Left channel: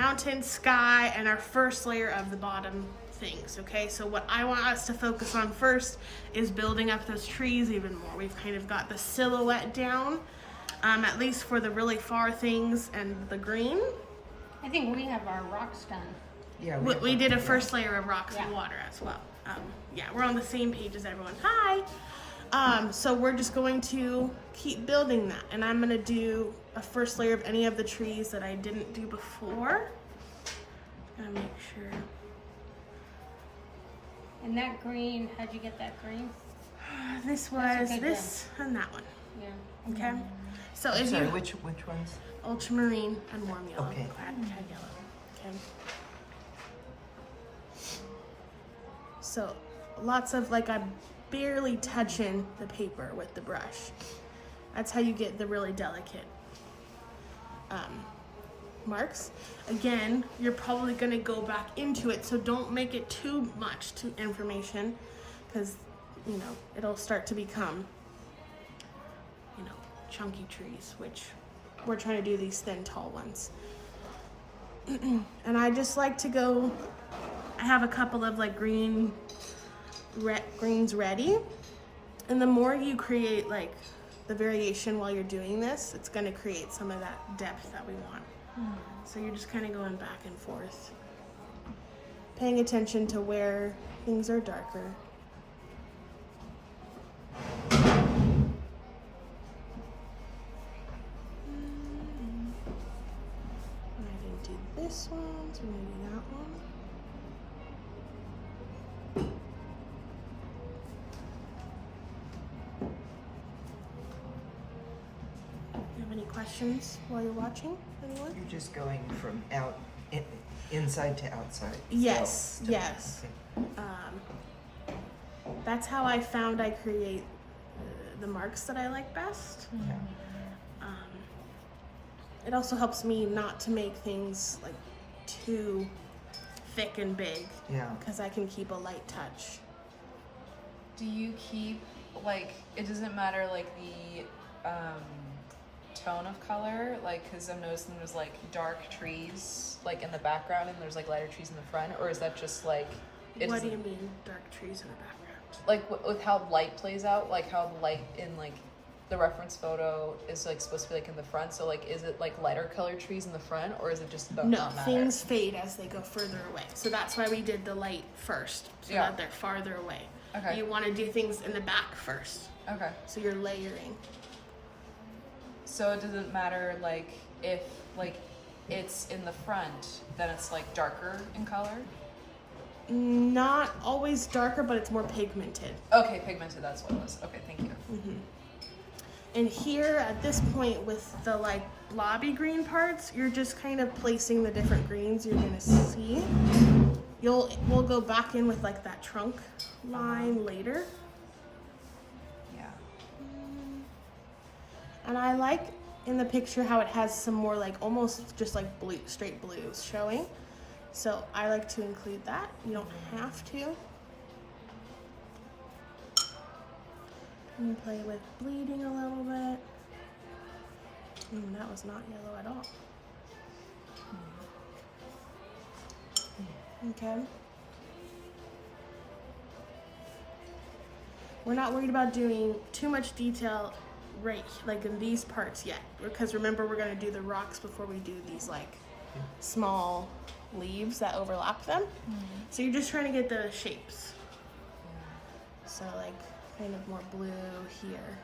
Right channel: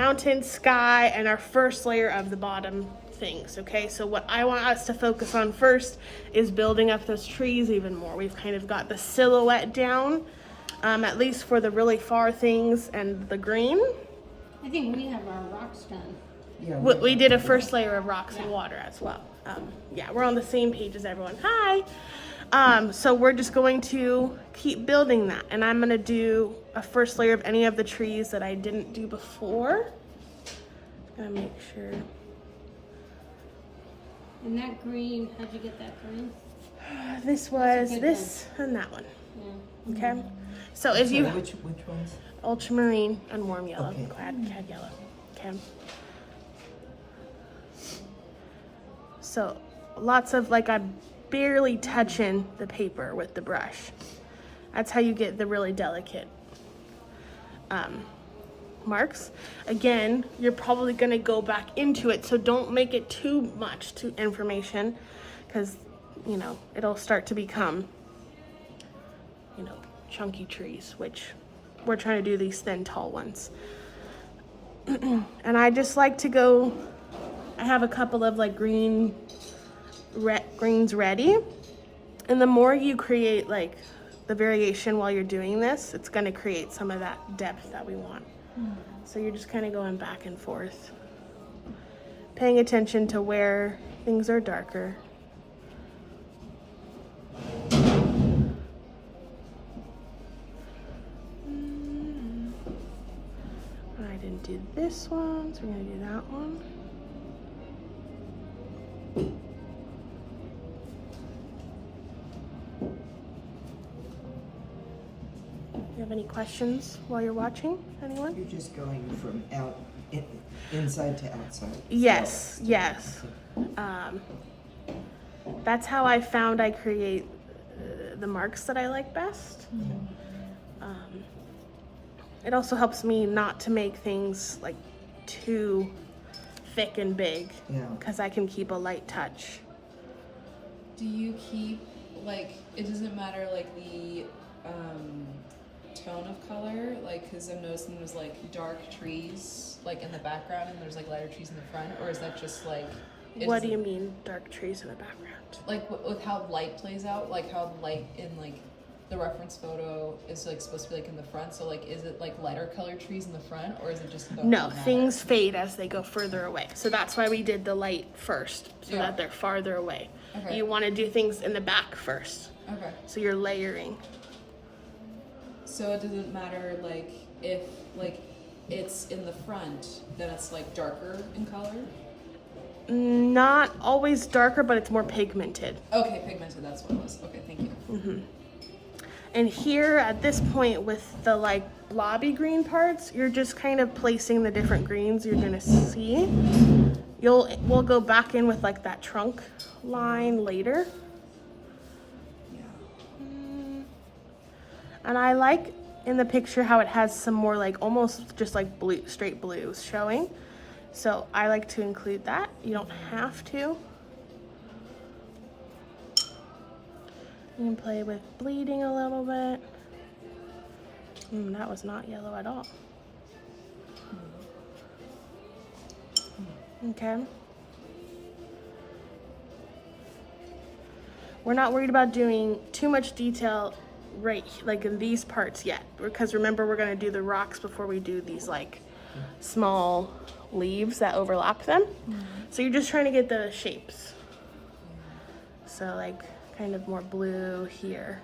mountain, sky, and our first layer of the bottom things, okay? So what I want us to focus on first is building up those trees even more. We've kind of got the silhouette down, at least for the really far things and the green. I think we have our rocks done. Yeah, We did a first layer of rocks and water as well. Yeah, we're on the same page as everyone. Hi! So we're just going to keep building that, and I'm gonna do a first layer of any of the trees that I didn't do before. Gotta make sure. And that green, how'd you get that green? This was this and that one. Yeah. Okay. So I'm if sorry, you which ones? ultramarine and warm yellow, Okay. clad yellow. Okay. So lots of like I'm barely touching the paper with the brush. That's how you get the really delicate marks. Again, you're probably gonna go back into it, so don't make it too much to information, because you know it'll start to become, you know, chunky trees, which we're trying to do these thin, tall ones. And I just like to go. I have a couple of like greens ready, and the more you create like the variation while you're doing this, it's going to create some of that depth that we want. So you're just kind of going back and forth, paying attention to where things are darker. I didn't do this one, so we're going to do that one. Do you have any questions while you're watching, anyone? You're just going from inside to outside. Yes, So, yes. okay. That's how I found I create the marks that I like best. It also helps me not to make things like too thick and big, Yeah. because I can keep a light touch. Do you keep, like, it doesn't matter, like, the tone of color? Like, because I'm noticing there's, like, dark trees, like, in the background, and there's, like, lighter trees in the front, or is that just, like... What do you mean, dark trees in the background? Like, with how light plays out, like, how the light in, like, the reference photo is, like, supposed to be, like, in the front, so, like, is it, like, lighter colored trees in the front, or is it just... No, things fade as they go further away. So that's why we did the light first, so Yeah. that they're farther away. Okay. You want to do things in the back first, Okay. so you're layering. So it doesn't matter, like, if, like, it's in the front, then it's, like, darker in color? Not always darker, but it's more pigmented. Okay, pigmented, that's what it was. Okay, thank you. And here at this point with the like blobby green parts, you're just kind of placing the different greens you're gonna see. We'll go back in with like that trunk line later. Yeah. And I like in the picture how it has some more like almost just like blue, straight blues showing. So I like to include that. You don't have to. You can play with bleeding a little bit. That was not yellow at all. Okay. We're not worried about doing too much detail right like in these parts yet, because remember we're gonna do the rocks before we do these like small leaves that overlap them. So you're just trying to get the shapes. So like kind of more blue here.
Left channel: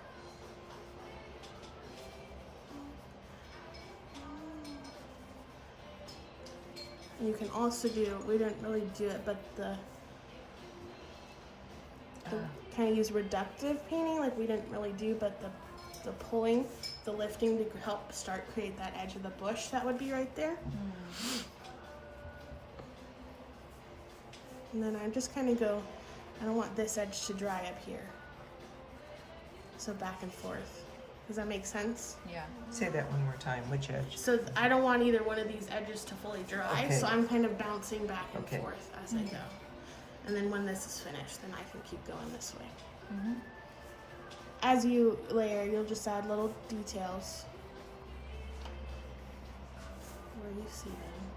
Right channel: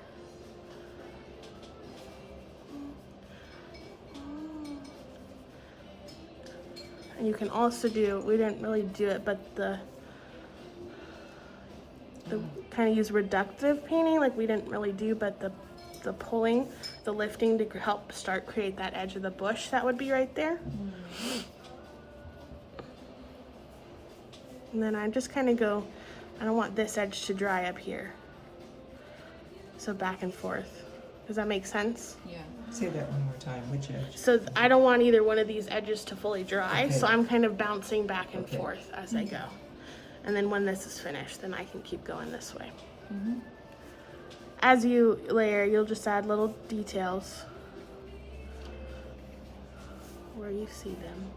And you can also do, we didn't really do it, but the kind of use reductive painting, like we didn't really do, but the pulling, the lifting to help start create that edge of the bush that would be right there. And then I just kind of go, I don't want this edge to dry up here. So back and forth. Does that make sense? Yeah. Say that one more time. Which edge? So I don't want either one of these edges to fully dry, Okay. so I'm kind of bouncing back and Okay. forth as I go. And then when this is finished, then I can keep going this way. As you layer, you'll just add little details where you see them.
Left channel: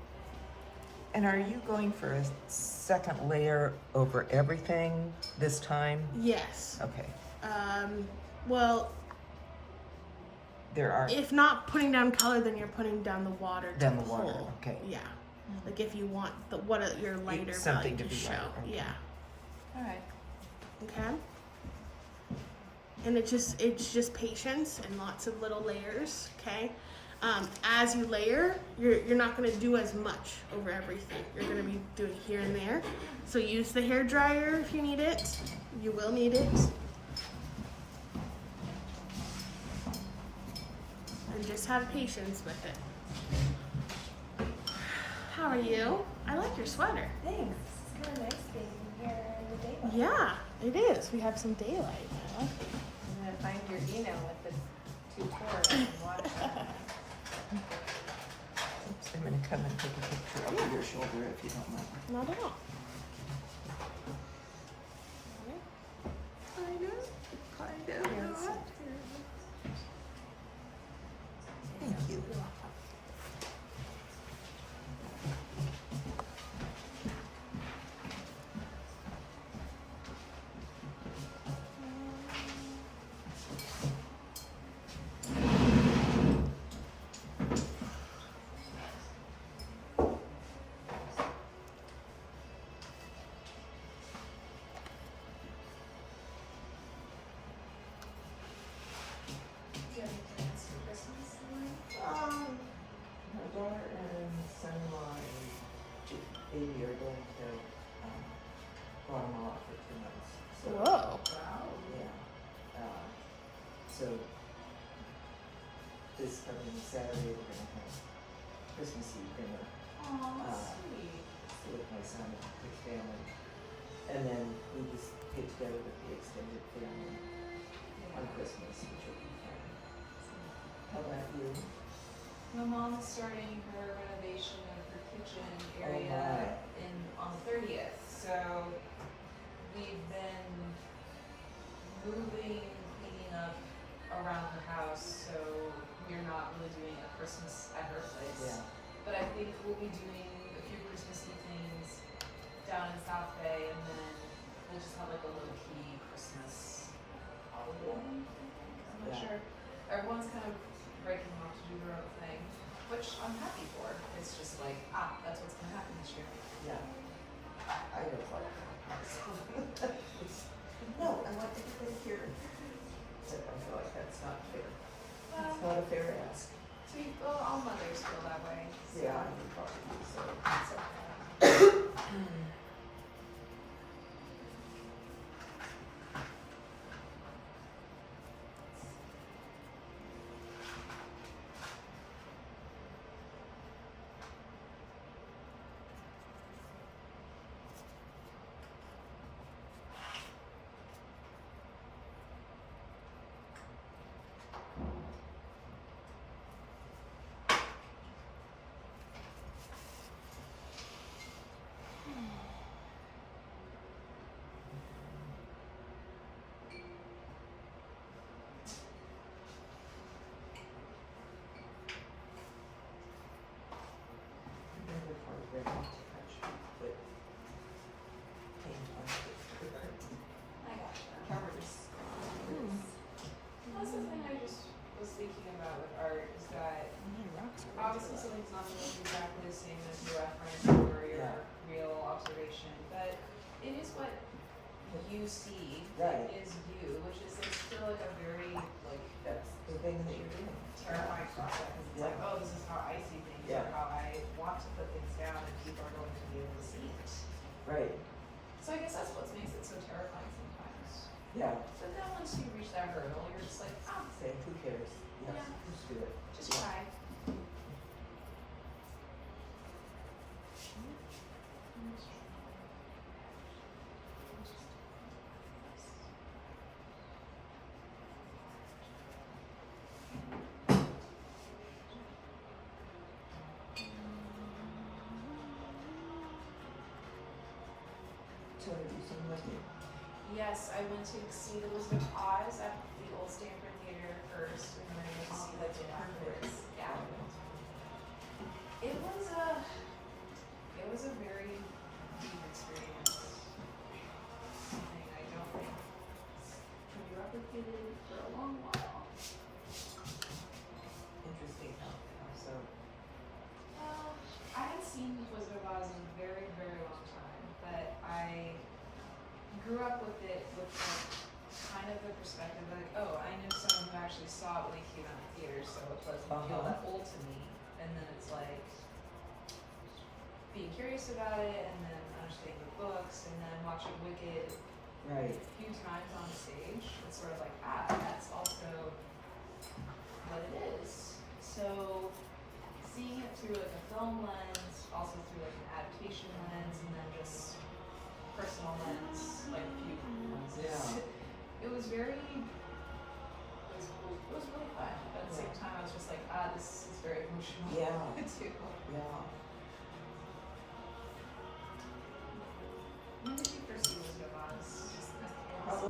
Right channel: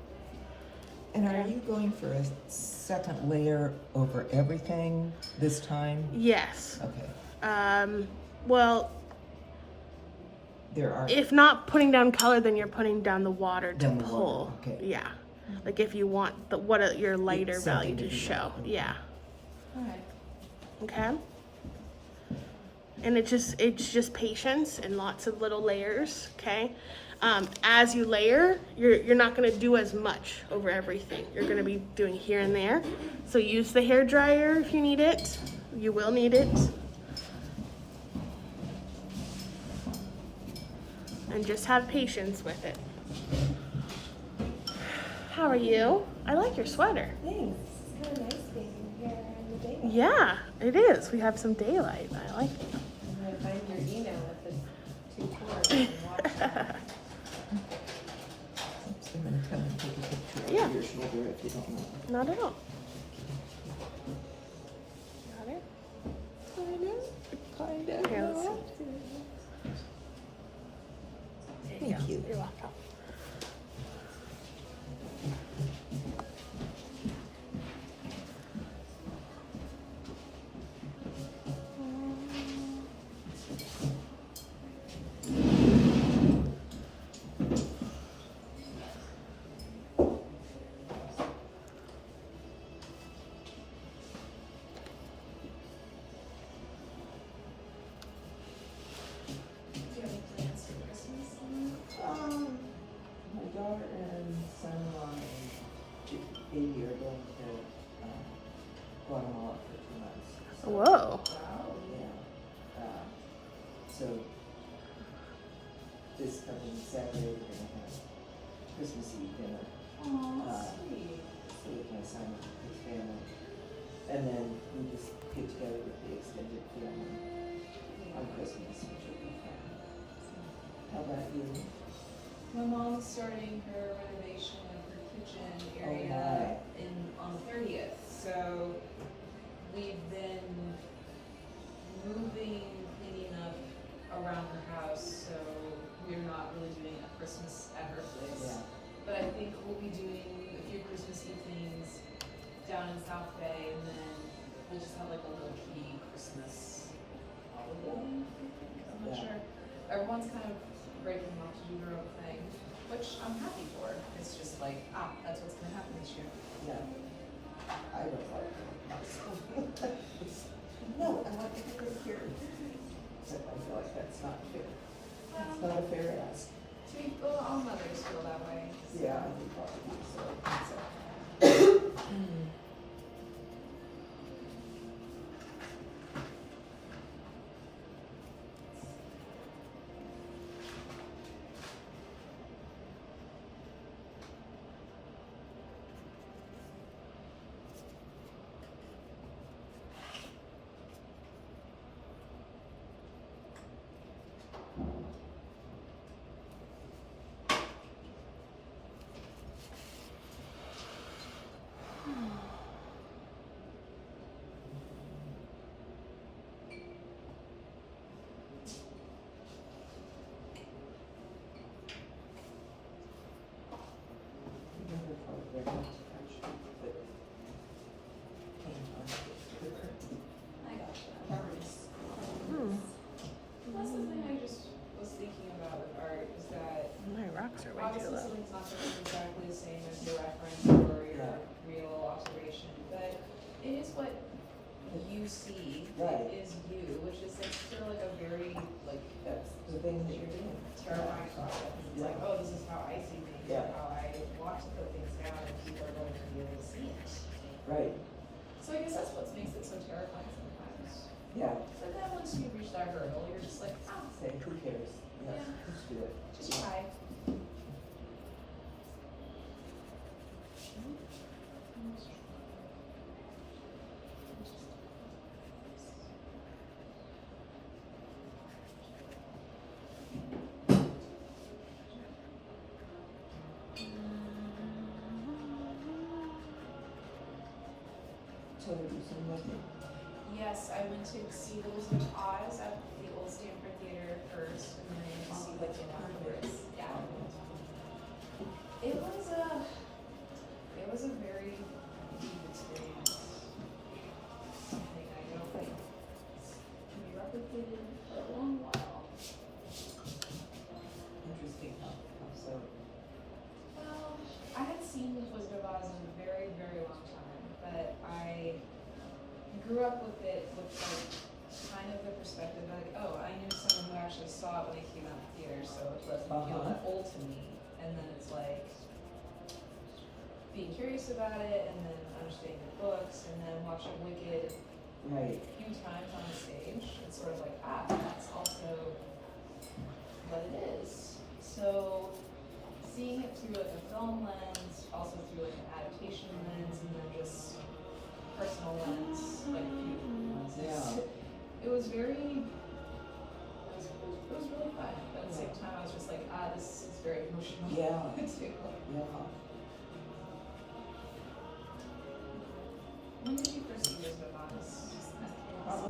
And are you going for a second layer over everything this time? Yes. Okay. Well, There are, if not putting down color, then you're putting down the water to Down the pull. water, okay. Yeah. Like if you want your lighter value something to to be show. light, okay. Yeah. All right. Okay. And it's just patience and lots of little layers. Okay. As you layer, you're not going to do as much over everything. You're going to be doing here and there. So use the hair dryer if you need it. You will need it. And just have patience with it. How are you? I like your sweater. Thanks. It's kind of nice being here in the daylight. Yeah, it is. We have some daylight. I like it. I'm gonna find your email if it's too poor and watch that. oops, I'm gonna come and take a picture Yeah. of your shoulder if you don't mind. Not at all. Got it? Kind of. Yeah, Thank you. You're welcome. My daughter and son-in-law and baby are going to Guatemala for 2 months. Whoa. Yeah. So this coming Saturday, we're gonna have Christmas Eve dinner. Stay with my son and his family. And then we just get together with the extended family on Christmas, which will be fun. How about you? My mom's starting her renovation of her kitchen area on the 30th. So we've been moving, cleaning up around the house. So we're not really doing a Christmas at her place. Yeah. But I think we'll be doing a few Christmassy things down in South Bay, and then we'll just have like a low key Christmas holiday. I'm not Yeah. sure. Everyone's kind of breaking off to do their own thing, which I'm happy for. It's just like, that's what's gonna happen this year. Yeah. I don't like it. No, I want everybody here. Except I feel like that's not fair. It's not a fair ask. See, well, all mothers feel that way. So. Yeah, I would probably do so. Never quite ready to touch it, but can't find it. I gotcha. That's the thing I just was thinking about with art is that My rocks are obviously ridiculous. something's not going to look exactly the same as your reference or your real observation, but it is what you see Right. is you, which is like still like a very like That's the thing that you're doing. terrifying process. It's like, oh, this is how I see things, Yeah. or how I want to put things down, and people are going to be able to see it. Right. So I guess that's what makes it so terrifying sometimes. Yeah. But then once you reach that hurdle, you're just like, Say, who cares? Yeah, Yeah. just do it. just try. So have you seen that? Yes, I went to see the Wizard of Oz at the Old Stanford Theater first, and then I went to see the afterwards. Yeah. It was a grew up with it with like kind of the perspective like, oh, I knew someone who actually saw it when it came out in theaters, so it doesn't feel that old to me. And then it's like being curious about it, and then understanding the books, and then watching Wicked Right. a few times on stage. It's sort of like, that's also what it is. So seeing it through like a film lens, also through like an adaptation lens, and then just personal lens, like a few lenses. Yeah. It was really, it was really fun. But at the same time, I was just like, this is very emotional. Yeah. too. Yeah. When did you first see Wizard of Oz?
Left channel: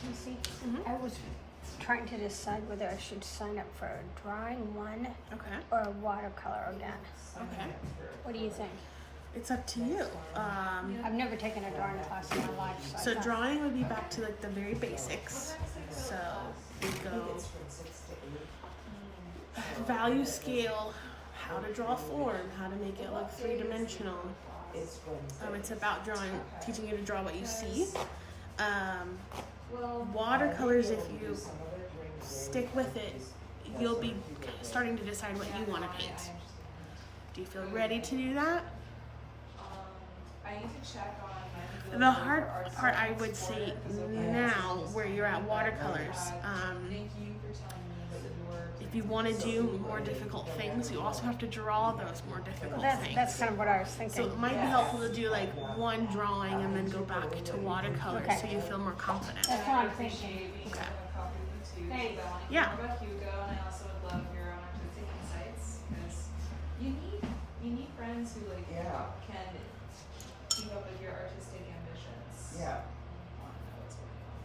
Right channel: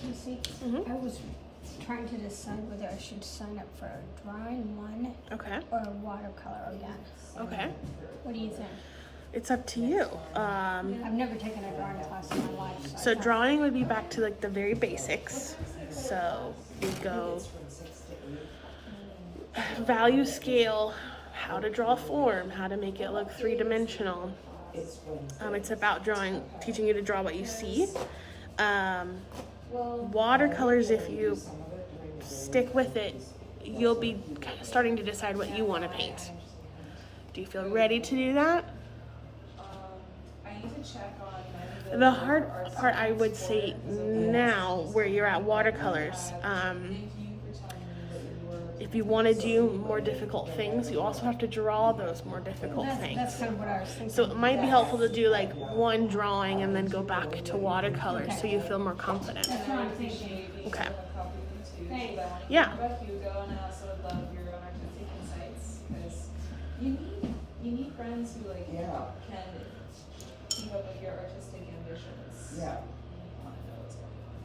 Casey, I was trying to decide whether I should sign up for a drawing one Okay. or a watercolor again. Okay. What do you think? It's up to you. I've never taken a drawing class in my life. So I thought- drawing would be back to like the very basics. So you go value scale, how to draw a form, how to make it look three-dimensional. It's about drawing, teaching you to draw what you see. Watercolors, if you stick with it, you'll be starting to decide what you want to paint. Do you feel ready to do that? I need to check on The hard part, I would say now, where you're at watercolors, if you want to do more difficult things, you also have to draw those more difficult That's things. kind of what I was thinking. So it might be helpful to do like one drawing and then go back to watercolors so you feel more confident. That's what I'm thinking. Okay. Thanks. Yeah. About Hugo, and I also would love your own artistic insights, because you need friends who like Yeah. can keep up with your artistic ambitions. Yeah. I want to know what's going on.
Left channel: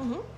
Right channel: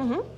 Mm-hmm.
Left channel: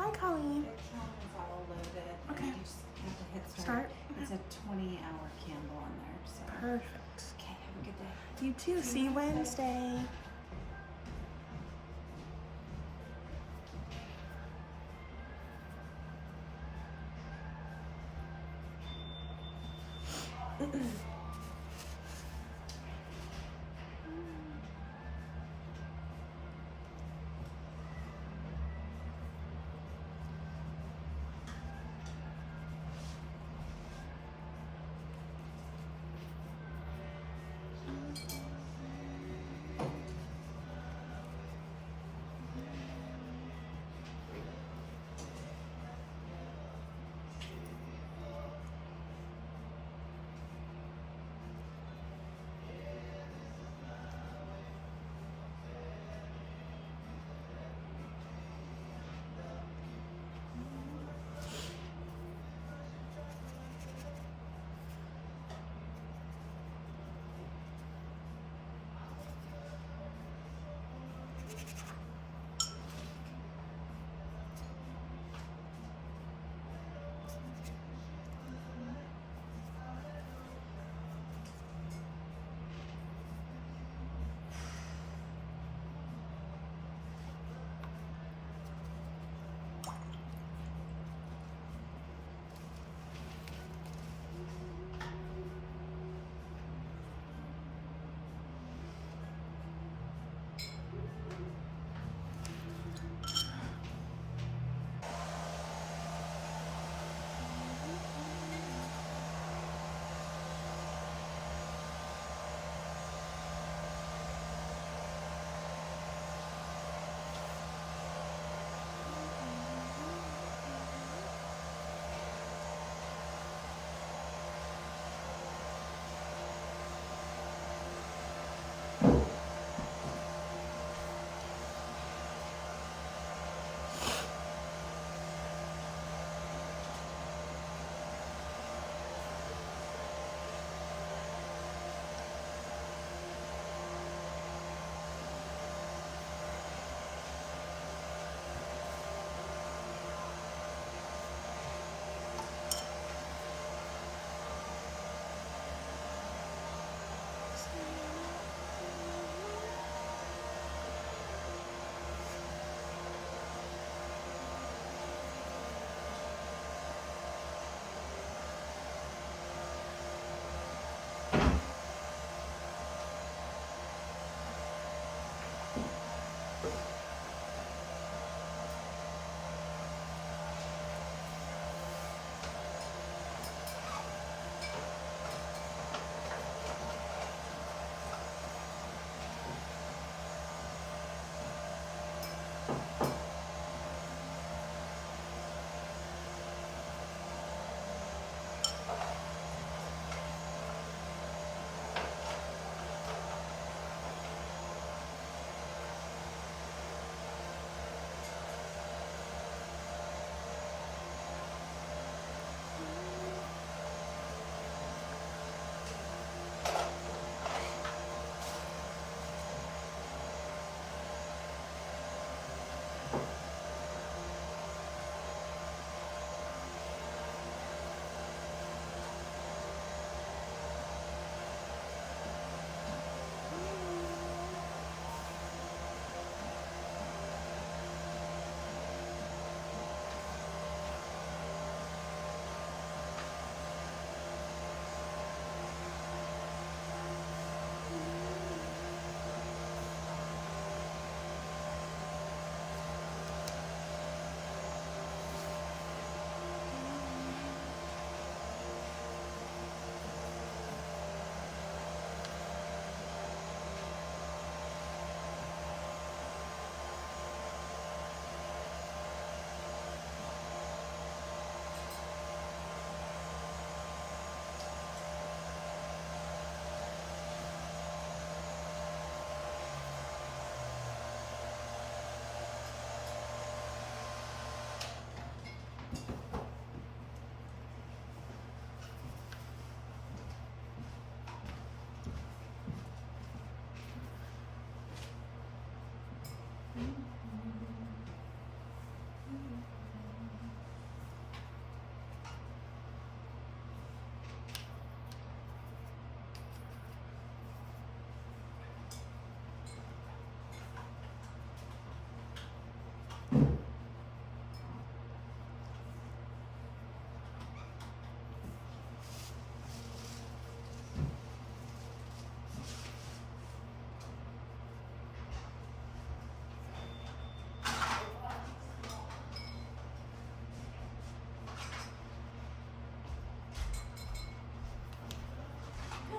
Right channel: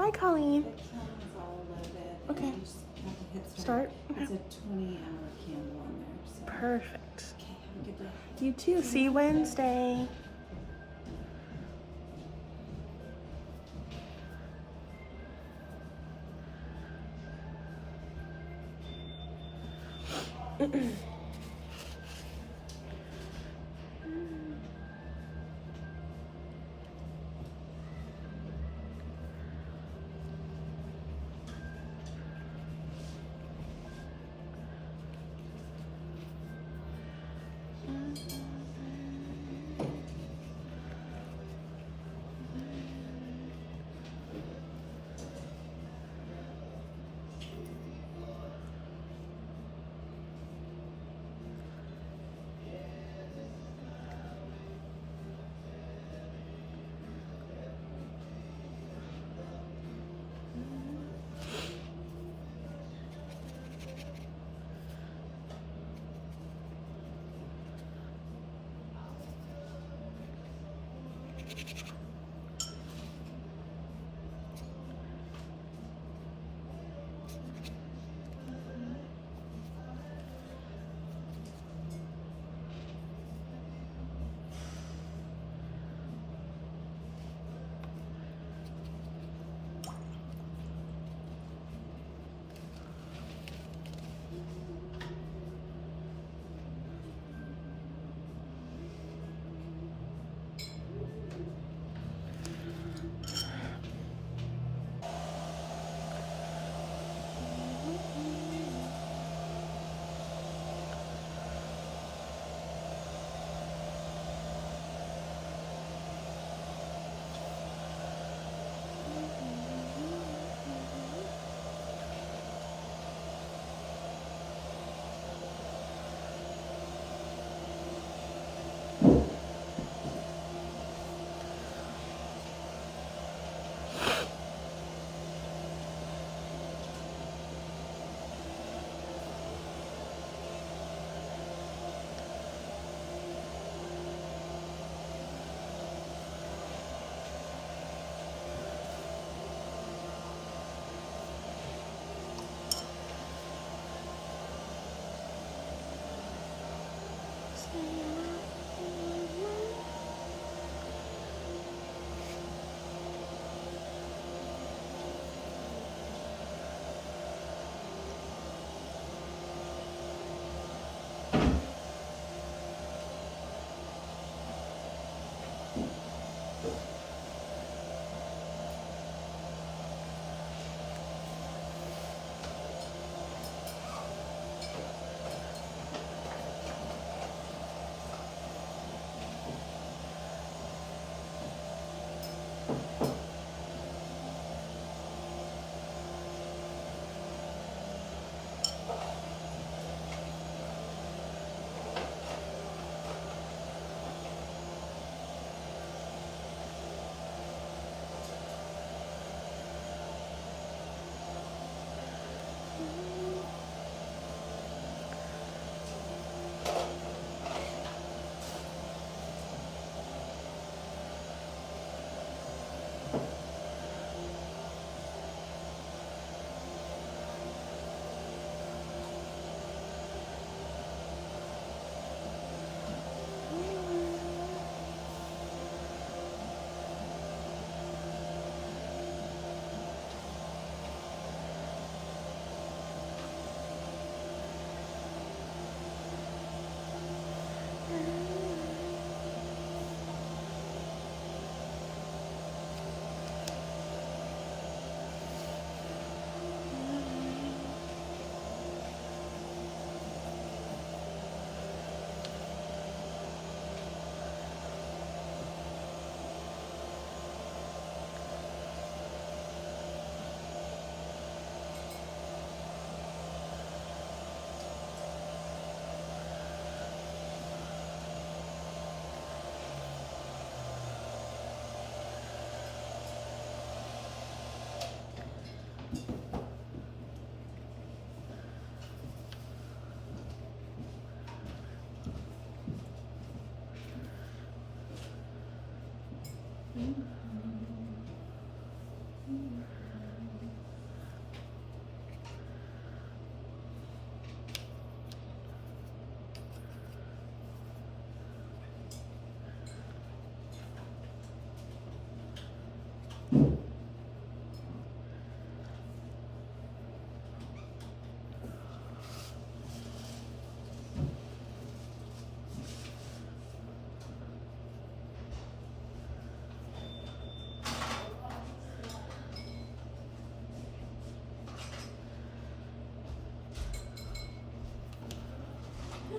Bye, Colleen. The candle's all loaded. Okay. You just have to hit Start. It's a 20-hour candle on there. So. Perfect. Okay, have a good day. You too. See you Wednesday.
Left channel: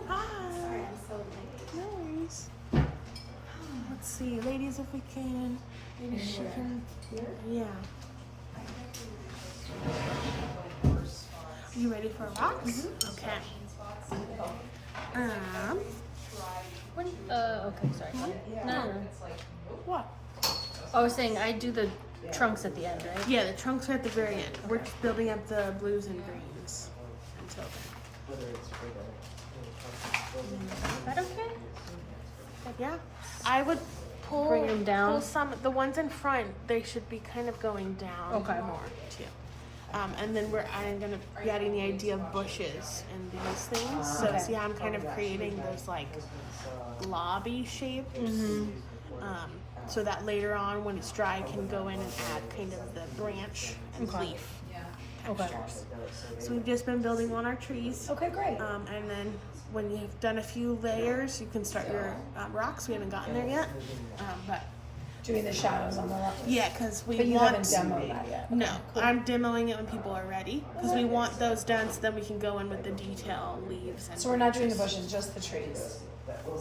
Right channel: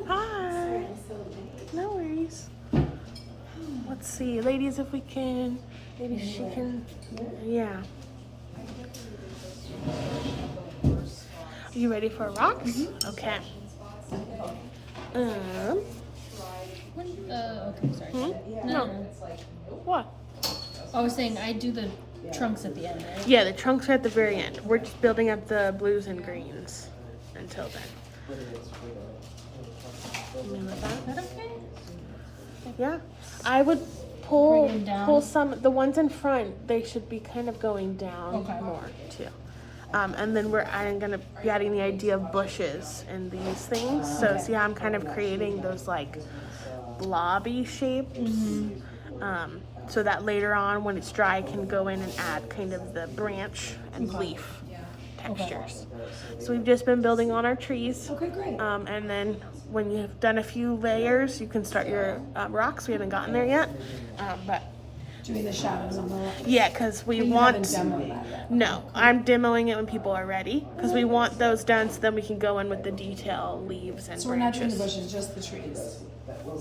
Hi. No worries. Let's see, ladies, if we can. Maybe she can. Yeah. Are you ready for rocks? Okay. Okay, sorry. No. What? I was saying I do the trunks at the end, right? Yeah, the trunks are at the very end. We're just building up the blues and greens until then. Is that okay? Yeah. I would pull Bring them down? pull some. The ones in front, they should be kind of going down Okay. more too. And then I'm gonna be adding the idea of bushes and these things. So see how I'm kind of creating those like blobby shapes. So that later on, when it's dry, I can go in and add kind of the branch and leaf textures. So we've just been building on our trees. Okay, great. And then when you've done a few layers, you can start your rocks. We haven't gotten there yet, but Doing the shadows on the rock. yeah, because we But you want. haven't demoed that yet. No, I'm demoing it when people are ready because we want those done so then we can go in with the detail leaves and So we're not doing the branches. bushes, just the trees.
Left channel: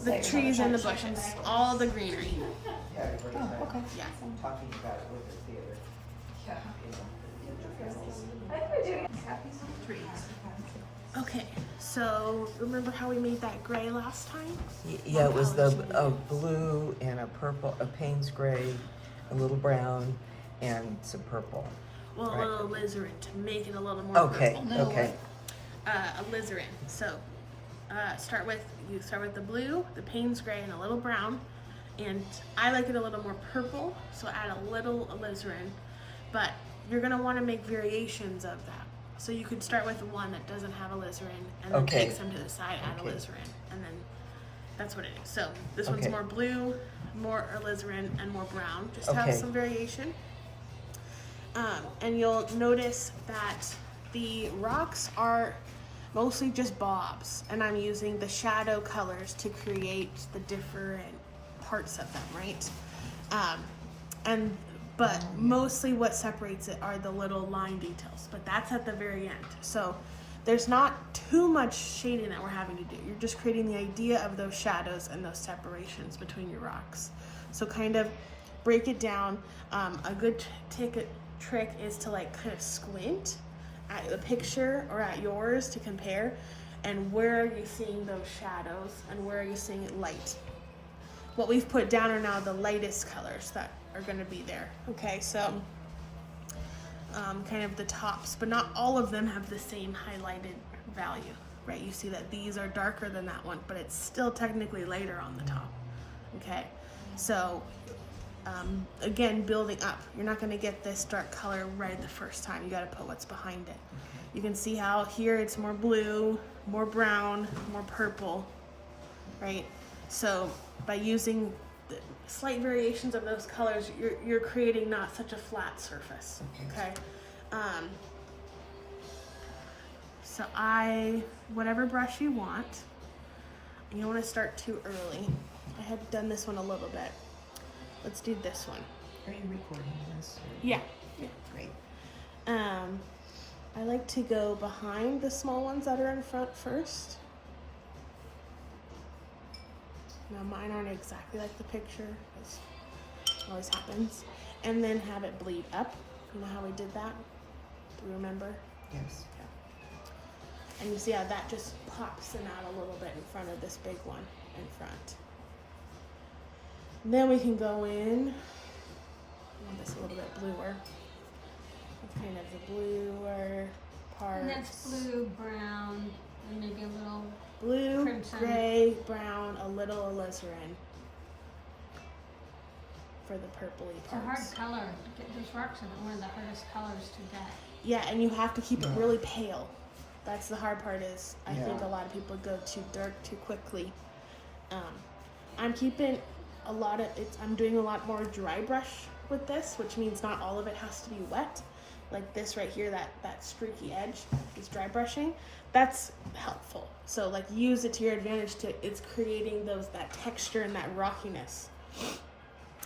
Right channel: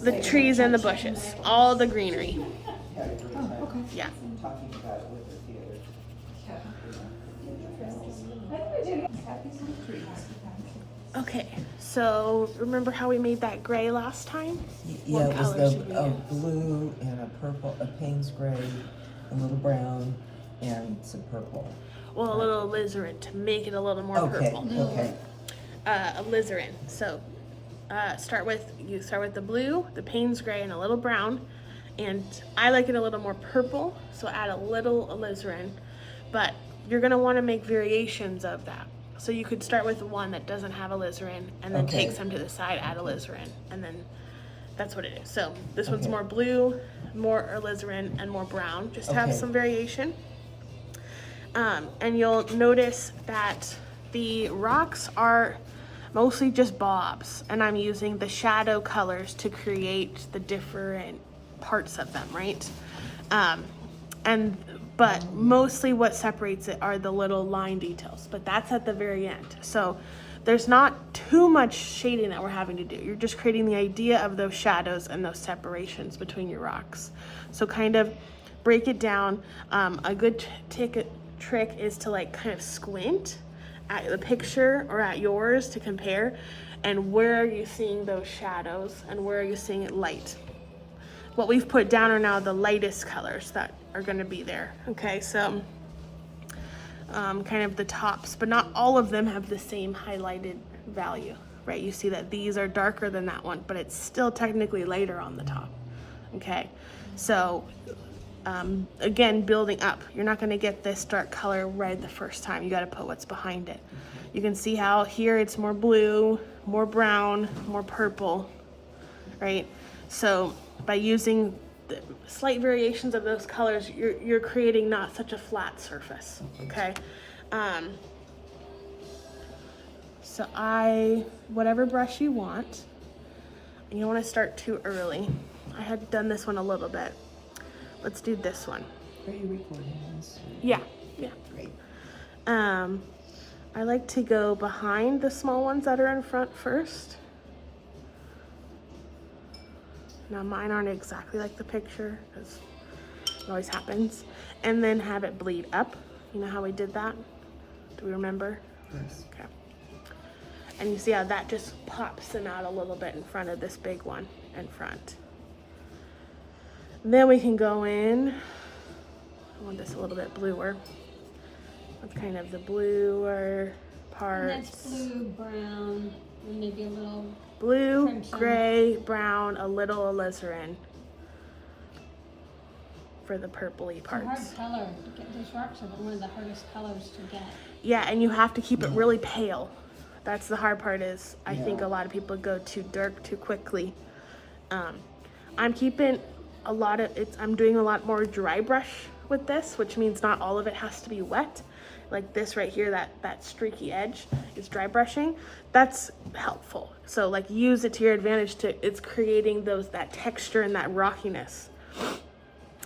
The trees and the bushes, all the greenery. Oh, okay. Yeah. Talking about it with the theater. Okay, so remember how we made that gray last time? Yeah, What it was colors should we a use? blue and a purple, a Payne's gray, a little brown, and some purple. Well, a Right. little alizarin to make it a little more Okay, purple. okay. Alizarin. So start with the blue, the Payne's gray, and a little brown. And I like it a little more purple, so add a little alizarin. But you're gonna want to make variations of that. So you could start with one that doesn't have alizarin, and then Okay. take some to the side, add alizarin, and then that's what it is. So this one's Okay. more blue, more alizarin, and more brown. Just have Okay. some variation. And you'll notice that the rocks are mostly just bobs, and I'm using the shadow colors to create the different parts of them, right? But mostly what separates it are the little line details, but that's at the very end. So there's not too much shading that we're having to do. You're just creating the idea of those shadows and those separations between your rocks. So kind of break it down. A good trick is to like kind of squint at the picture or at yours to compare, and where are you seeing those shadows and where are you seeing it light. What we've put down are now the lightest colors that are going to be there. Okay, so kind of the tops, but not all of them have the same highlighted value, right? You see that these are darker than that one, but it's still technically lighter on the top. Okay, so again, building up. You're not going to get this dark color red the first time. You got to put what's behind it. You can see how here it's more blue, more brown, more purple, right? So by using the slight variations of those colors, you're creating not such a flat surface, okay? So whatever brush you want, and you don't want to start too early. I had done this one a little bit. Let's do this one. Are you recording this? Yeah. Great. I like to go behind the small ones that are in front first. Now mine aren't exactly like the picture, because it always happens. And then have it bleed up. You know how we did that? Do we remember? Yes. Okay. And you see how that just pops them out a little bit in front of this big one in front. And then we can go in, I want this a little bit bluer, with kind of the bluer And parts. that's blue, brown, and maybe a little. Blue, crimson. gray, brown, a little alizarin for the purpley It's a hard parts. color. Those rocks are one of the hardest colors to get. Yeah, and you have to keep it really pale. That's the hard part is I think Yeah. a lot of people go too dark too quickly. I'm keeping a lot of I'm doing a lot more dry brush with this, which means not all of it has to be wet. Like this right here, that streaky edge is dry brushing. That's helpful. So like use it to your advantage it's creating that texture and that rockiness.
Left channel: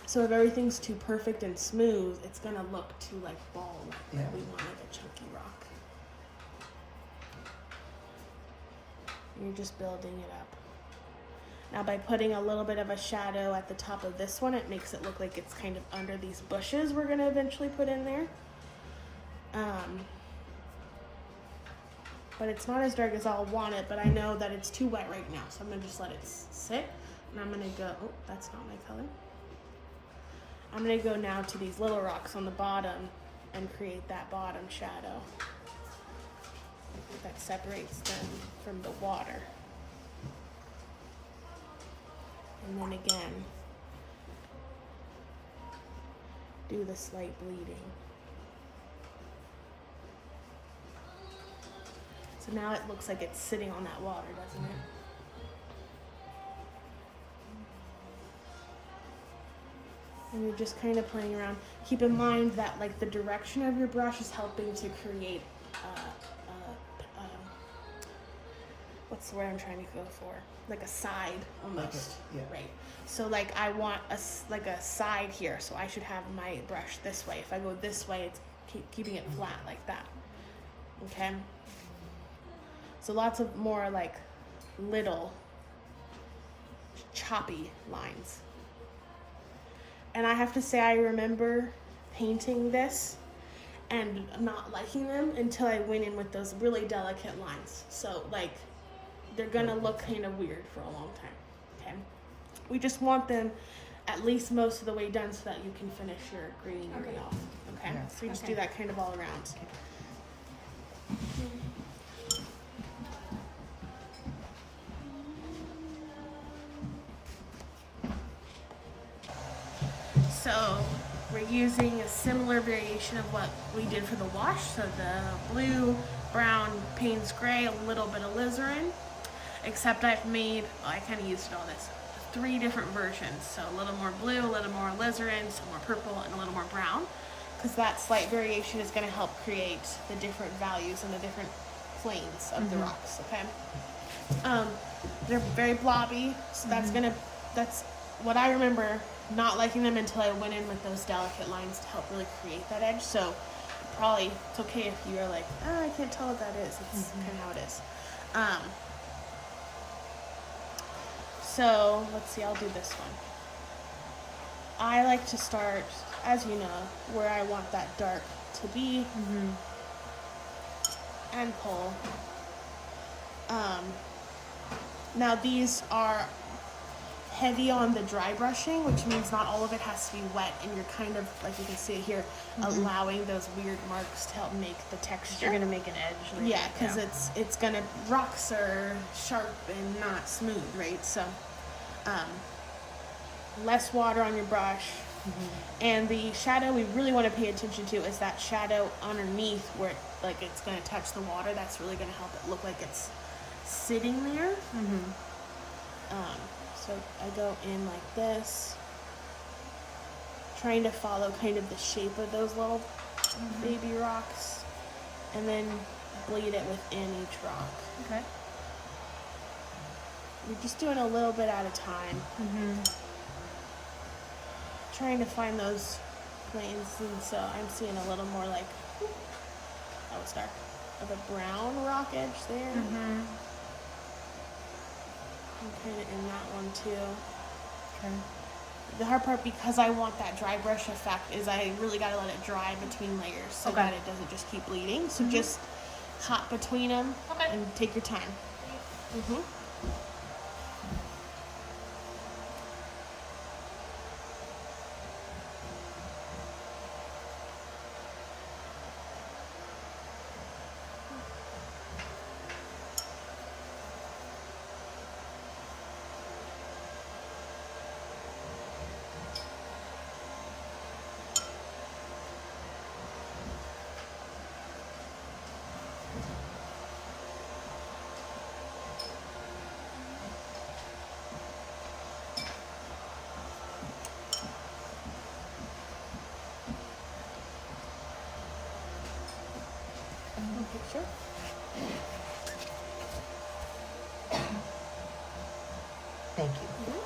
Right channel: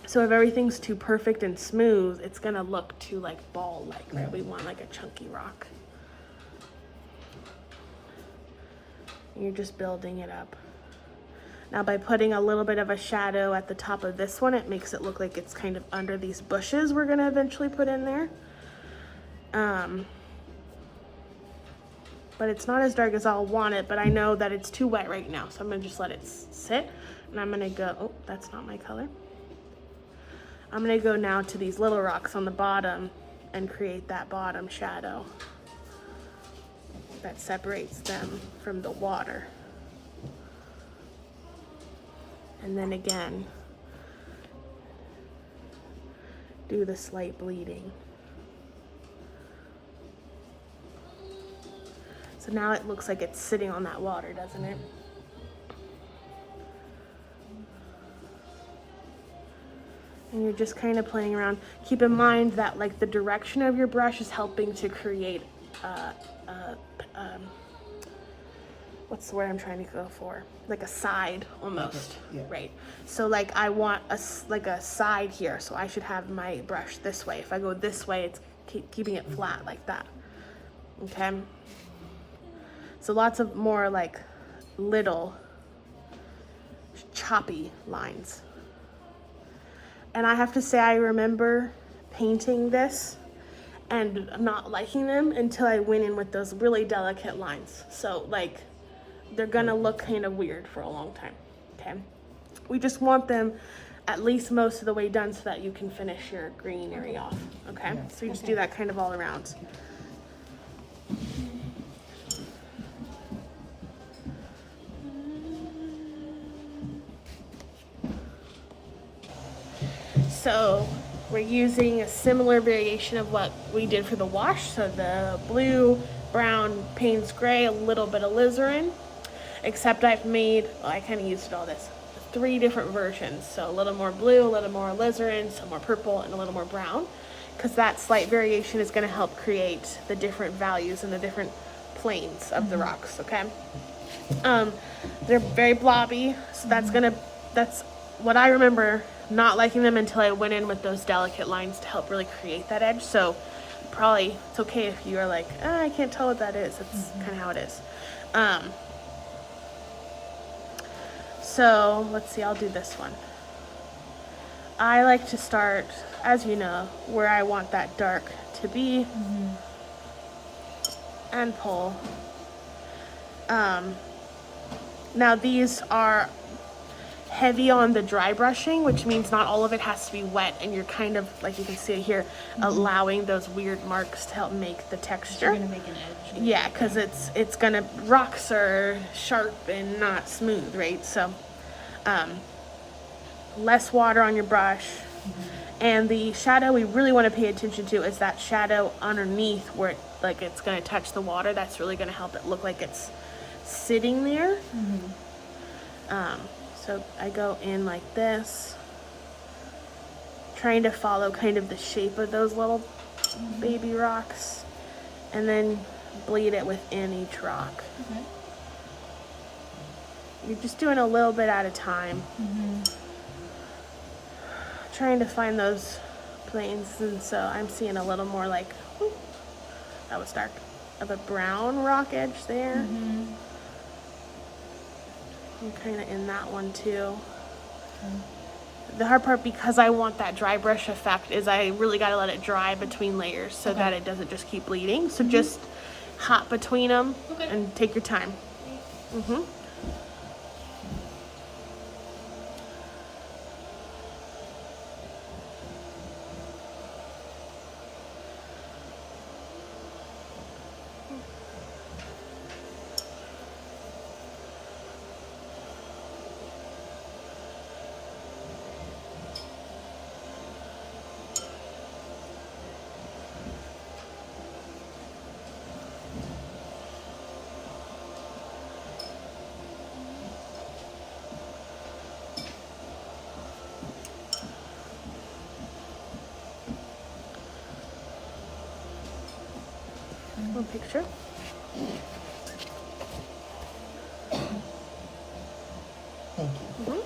So if everything's too perfect and smooth, it's gonna look too like ball-like. Yeah. We want like a chunky rock. You're just building it up. Now by putting a little bit of a shadow at the top of this one, it makes it look like it's kind of under these bushes we're gonna eventually put in there. But it's not as dark as I'll want it, but I know that it's too wet right now, so I'm gonna just let it sit. And I'm gonna go, oh, that's not my color. I'm gonna go now to these little rocks on the bottom and create that bottom shadow that separates them from the water. And then again, do the slight bleeding. So now it looks like it's sitting on that water, doesn't it? And you're just kind of playing around. Keep in mind that like the direction of your brush is helping to create what's the word I'm trying to go for? Like a side almost, Yeah. right? So like I want a side here, so I should have my brush this way. If I go this way, it's keeping it flat like that. Okay. So lots of more like little choppy lines. And I have to say, I remember painting this and not liking them until I went in with those really delicate lines. So like, they're gonna look kind of weird for a long time, okay? We just want them at least most of the way done so that you can finish your greenery off, okay? Yeah. So you just do that kind of all around. So we're using a similar variation of what we did for the wash. So the blue, brown, Payne's gray, a little bit of alizarin, except I've made, well, I kind of used all this, 3 different versions. So a little more blue, a little more alizarin, some more purple, and a little more brown, because that slight variation is going to help create the different values and the different planes of the rocks, okay? They're very blobby, so that's what I remember not liking them until I went in with those delicate lines to help really create that edge. So probably it's okay if you are like, I can't tell what that is. It's kind of how it is. So let's see, I'll do this one. I like to start, as you know, where I want that dark to be and pull. Now these are heavy on the dry brushing, which means not all of it has to be wet, and you're kind of, like you can see here, allowing those weird marks to help make the texture. You're gonna make an edge. Yeah, because it's gonna, rocks are sharp and not smooth, right? So less water on your brush. And the shadow we really want to pay attention to is that shadow underneath where it's going to touch the water. That's really going to help it look like it's sitting there. So I go in like this, trying to follow kind of the shape of those little baby rocks, and then bleed it within each rock. Okay. You're just doing a little bit at a time. Trying to find those planes, and so I'm seeing a little more like, that was dark, of a brown rock edge there. I'm kind of in that one too. The hard part, because I want that dry brush effect, is I really got to let it dry between layers so that it doesn't just keep bleeding. So just hop between them and take your time. picture. Thank you. Mhm.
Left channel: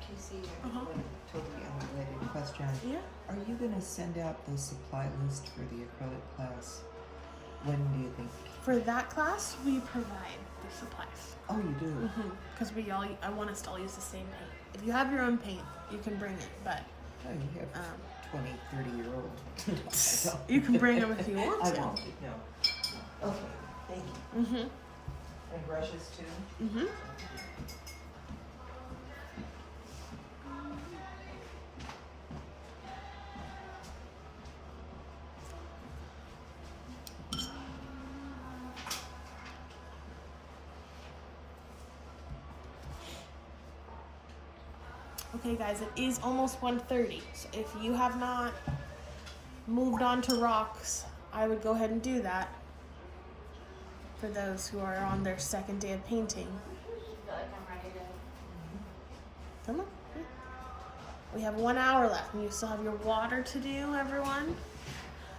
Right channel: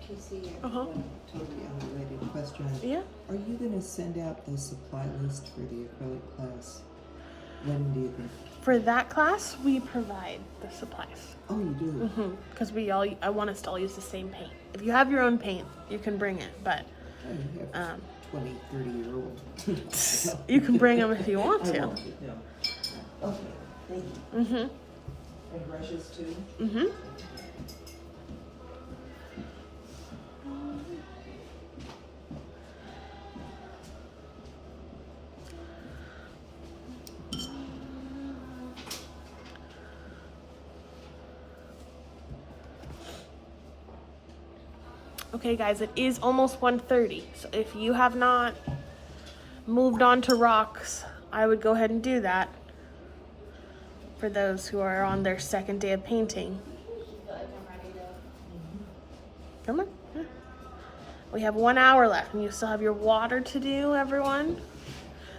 Casey, I have Uh-huh. a totally unrelated question. Yeah. Are you gonna send out the supply list for the acrylic class? When do you think? For that class, we provide the supplies. Oh, you do? Because I want us to all use the same paint. If you have your own paint, you can bring it, but Oh, you have 20, 30-year-old. you can bring them if you want I to. won't, no. Okay, thank you. Mm-hmm. And brushes too? Mm-hmm. Okay, guys, it is almost 1:30. So if you have not moved on to rocks, I would go ahead and do that for those who are on their second day of painting. Come on. We have 1 hour left, and you still have your water to do, everyone.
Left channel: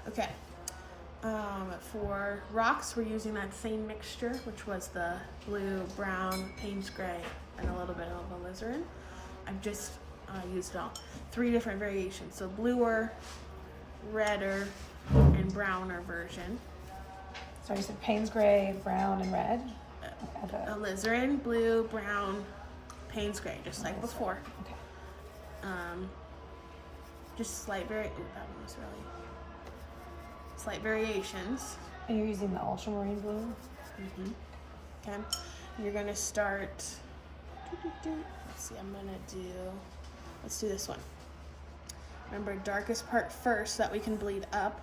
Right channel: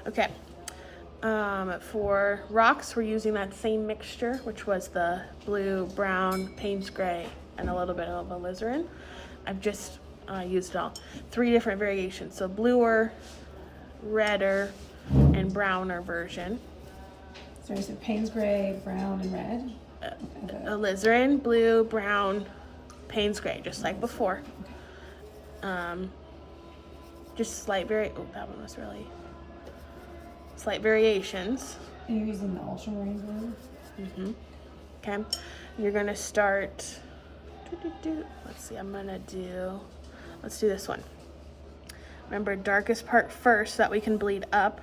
Okay. For rocks, we're using that same mixture, which was the blue, brown, Payne's gray, and a little bit of alizarin. I've just used it all. 3 different variations. So bluer, redder, and browner version. So is it Payne's gray, brown, and red? Alizarin, blue, brown, Payne's gray, just like before. Just slight that one was really slight variations. And you're using the ultramarine blue? Okay, you're gonna start. Let's see, let's do this one. Remember, darkest part first so that we can bleed up.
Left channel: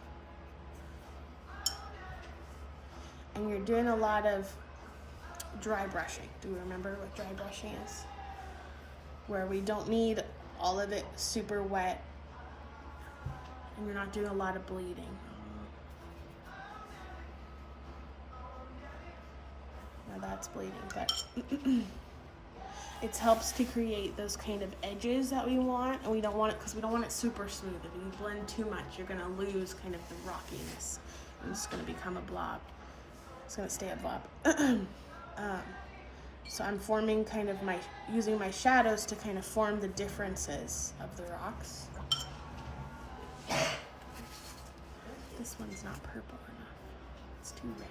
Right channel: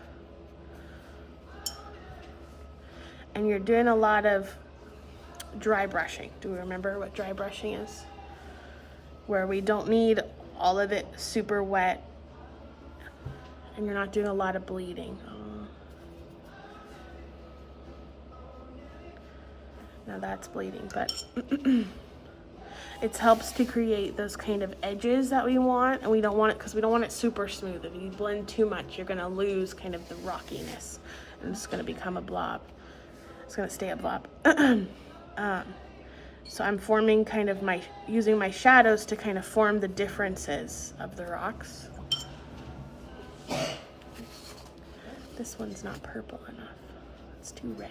And you're doing a lot of dry brushing. Do we remember what dry brushing is? Where we don't need all of it super wet and you're not doing a lot of bleeding. Now that's bleeding, but it helps to create those kind of edges that we want, and we don't want it because we don't want it super smooth. If you blend too much, you're gonna lose kind of the rockiness, and it's gonna become a blob. It's gonna stay a blob. So I'm forming using my shadows to kind of form the differences of the rocks. This one's not purple enough. It's too red.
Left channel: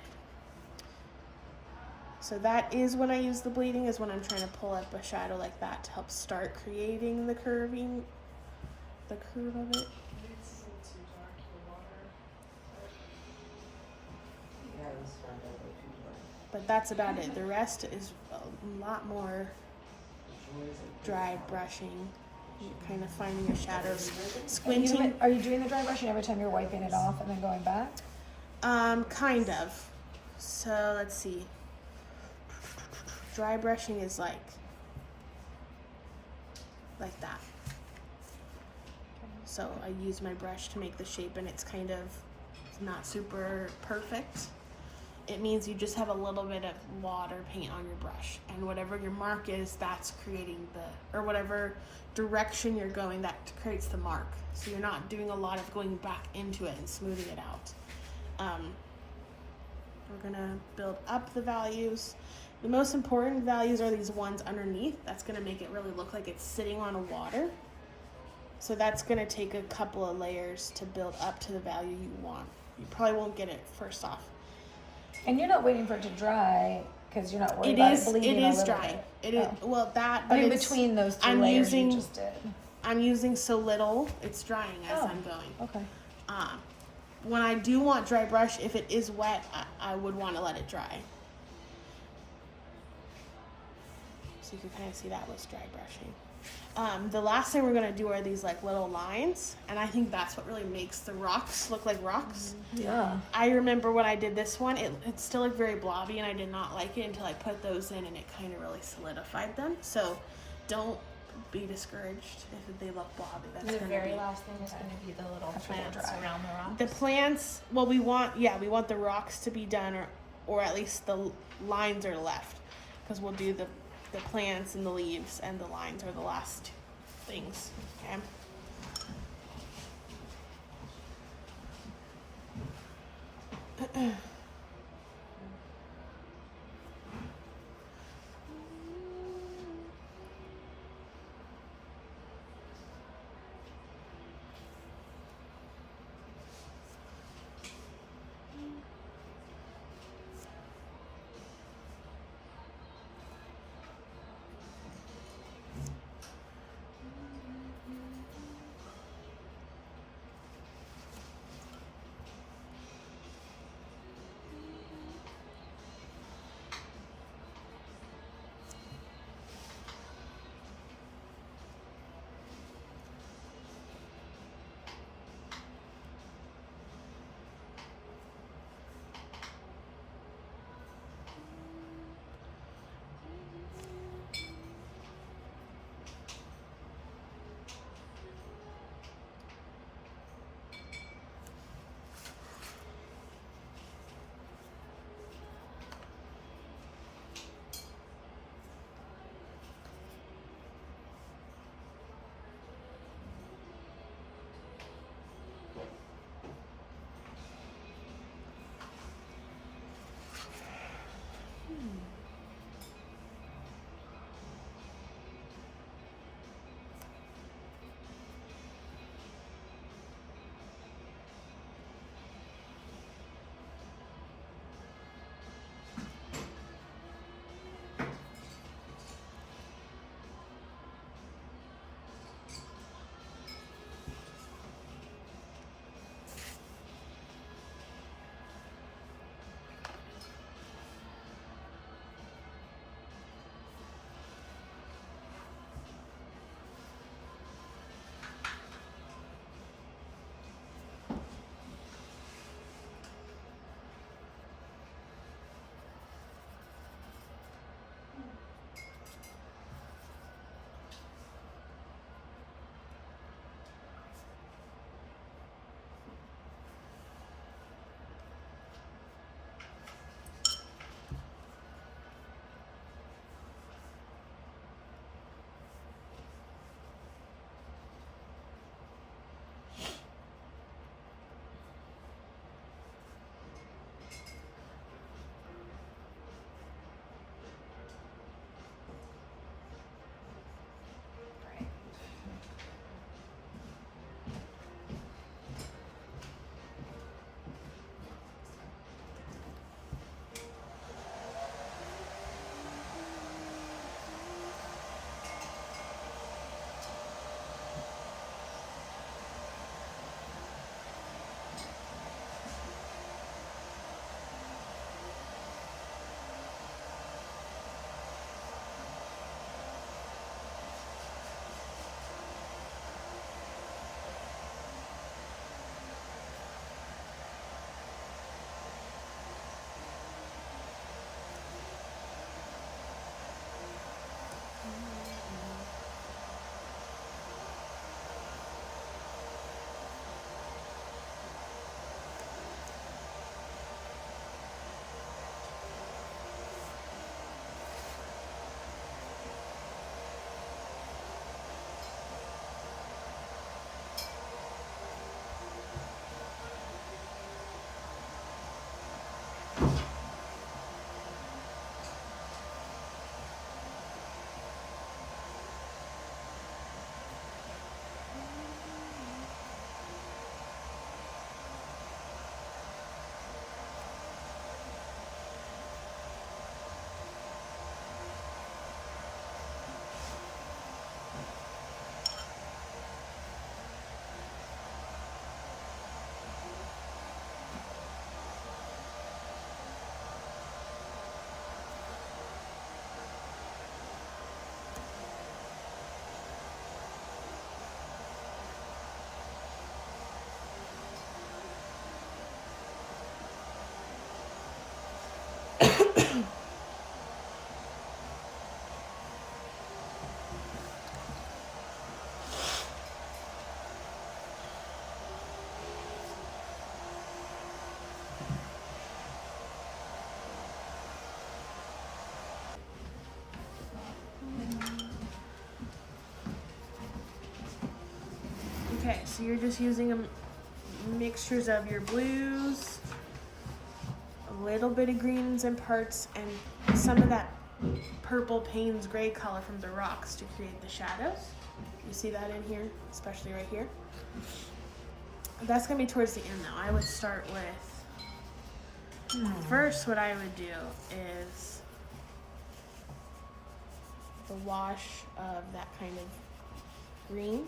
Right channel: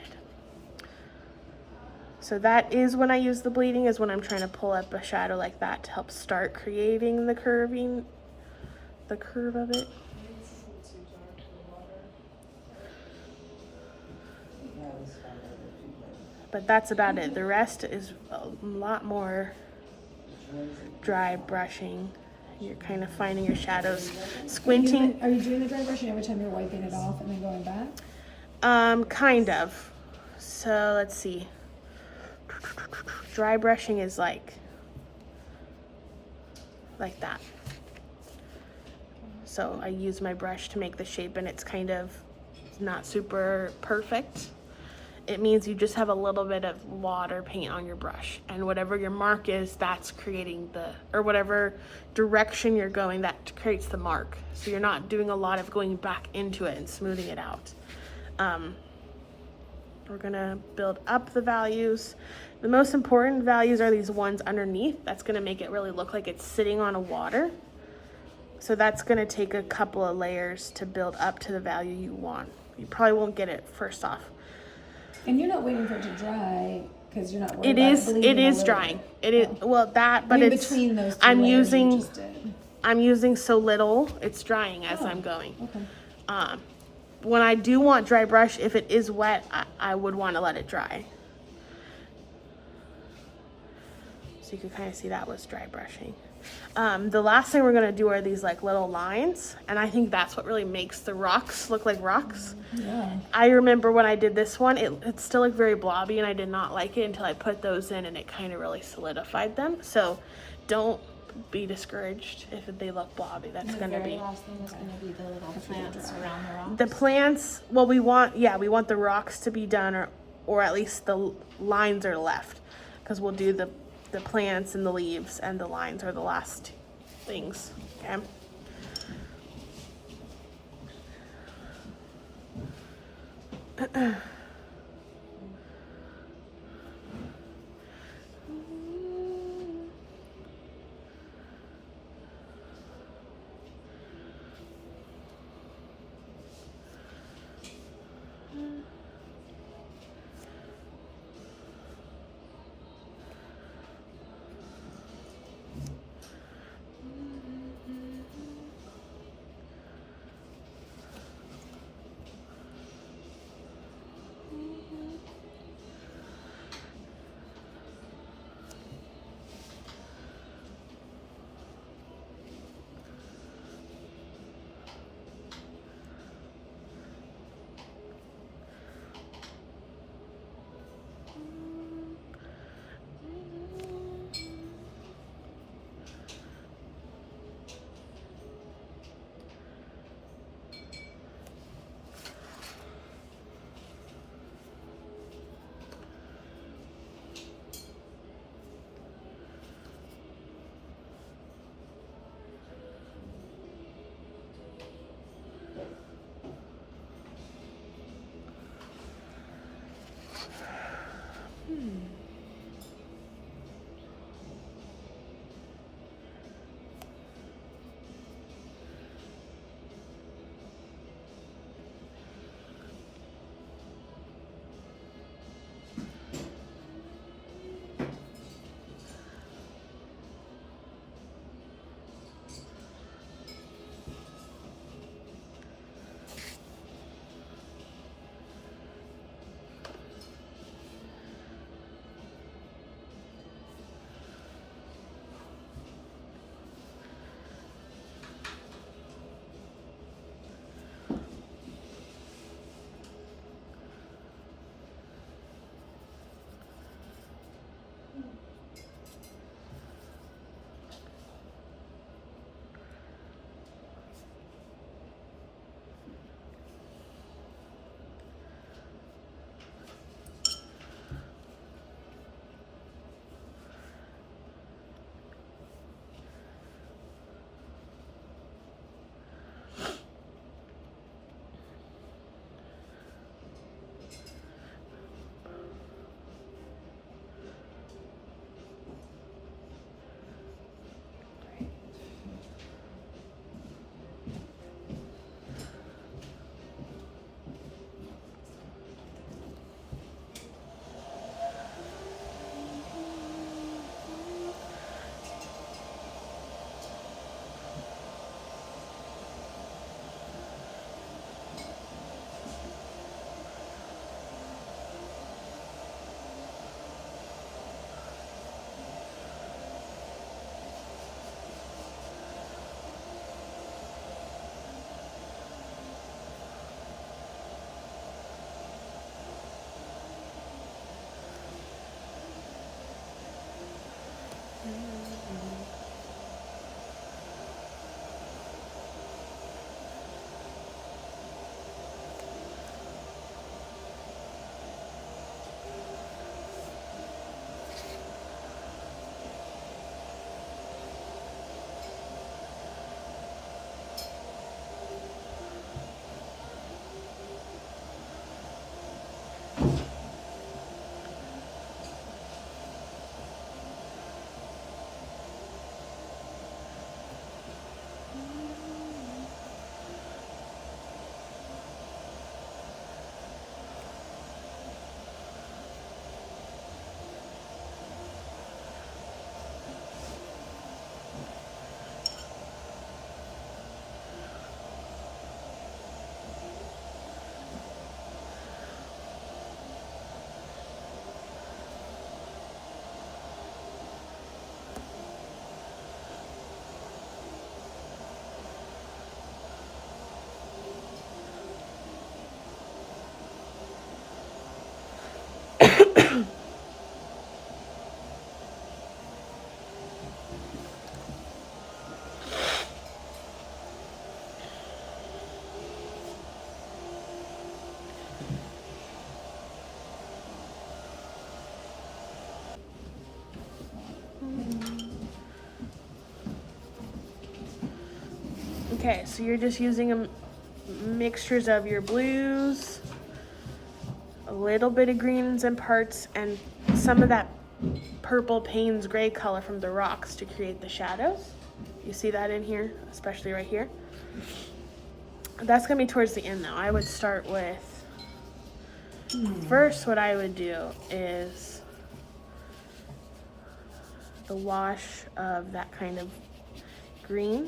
So that is when I use the bleeding, is when I'm trying to pull up a shadow like that to help start creating the curve of it. But that's about it. The rest is a lot more dry brushing. You're kind of finding your shadows, squinting. Are you doing the dry brushing every time you're wiping it off and then going back? Kind of. So let's see. Dry brushing is like that. So I use my brush to make the shape, and it's kind of not super perfect. It means you just have a little bit of water paint on your brush, and whatever your mark is, that's creating or whatever direction you're going, that creates the mark. So you're not doing a lot of going back into it and smoothing it out. We're gonna build up the values. The most important values are these ones underneath. That's gonna make it really look like it's sitting on a water. So that's gonna take a couple of layers to build up to the value you want. You probably won't get it first off. And you're not waiting for it to dry because you're not worried It about is. it bleeding It a is little drying. bit. It is. Oh. Well, that. But I mean, it's, between those two I'm layers using. you just did. I'm using so little. It's drying as Oh, I'm going. Okay. When I do want dry brush, if it is wet, I would want to let it dry. So you can kind of see that was dry brushing. The last thing we're gonna do are these like little lines, and I think that's what really makes the rocks look like rocks. Yeah. I remember when I did this one, it still looked very blobby, and I did not like it until I put those in, and it kind of really solidified them. So don't be discouraged if they look blobby. That's The gonna very be last thing is gonna be the little plants around the rocks. the plants. Well, we want the rocks to be done, or at least the lines are left, because we'll do the plants and the leaves, and the lines are the last things. Okay. Okay, so you're just using mixtures of your blues, a little bit of greens in parts, and some of that purple Payne's gray color from the rocks to create the shadows. You see that in here, especially right here. That's gonna be towards the end though. I would start with, first what I would do is the wash of that kind of green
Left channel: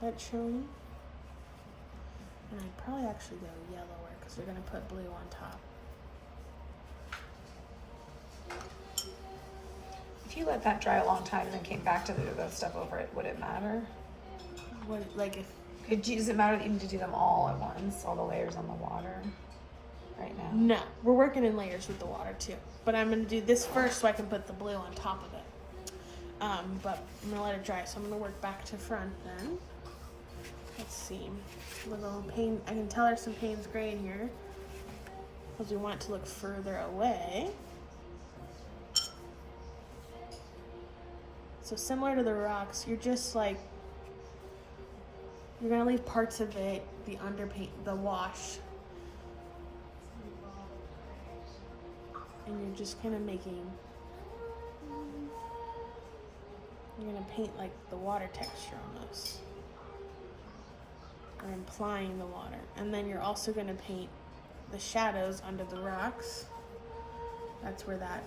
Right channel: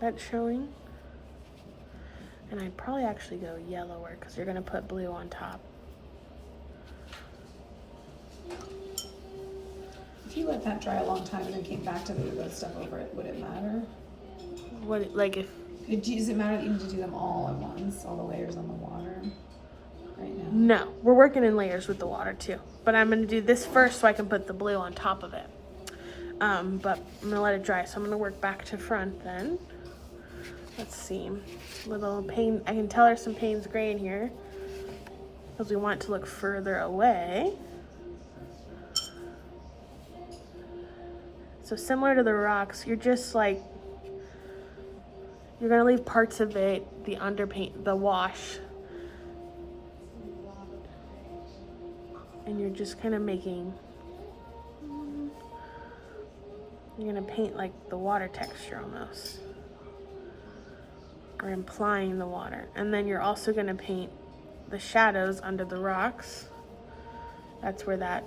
that's showing. And I'd probably actually go yellower because you're gonna put blue on top. If you let that dry a long time and then came back to do that stuff over it, would it matter? What, like if, Does it matter that you need to do them all at once, all the layers on the water right now? no, we're working in layers with the water too. But I'm gonna do this first so I can put the blue on top of it. But I'm gonna let it dry. So I'm gonna work back to front then. Let's see, little Payne, I can tell there's some Payne's gray in here because we want it to look further away. So similar to the rocks, you're just like, you're gonna leave parts of it, the underpaint, the wash, and you're just kind of making, you're gonna paint like the water texture almost, or implying the water. And then you're also gonna paint the shadows under the rocks. That's where that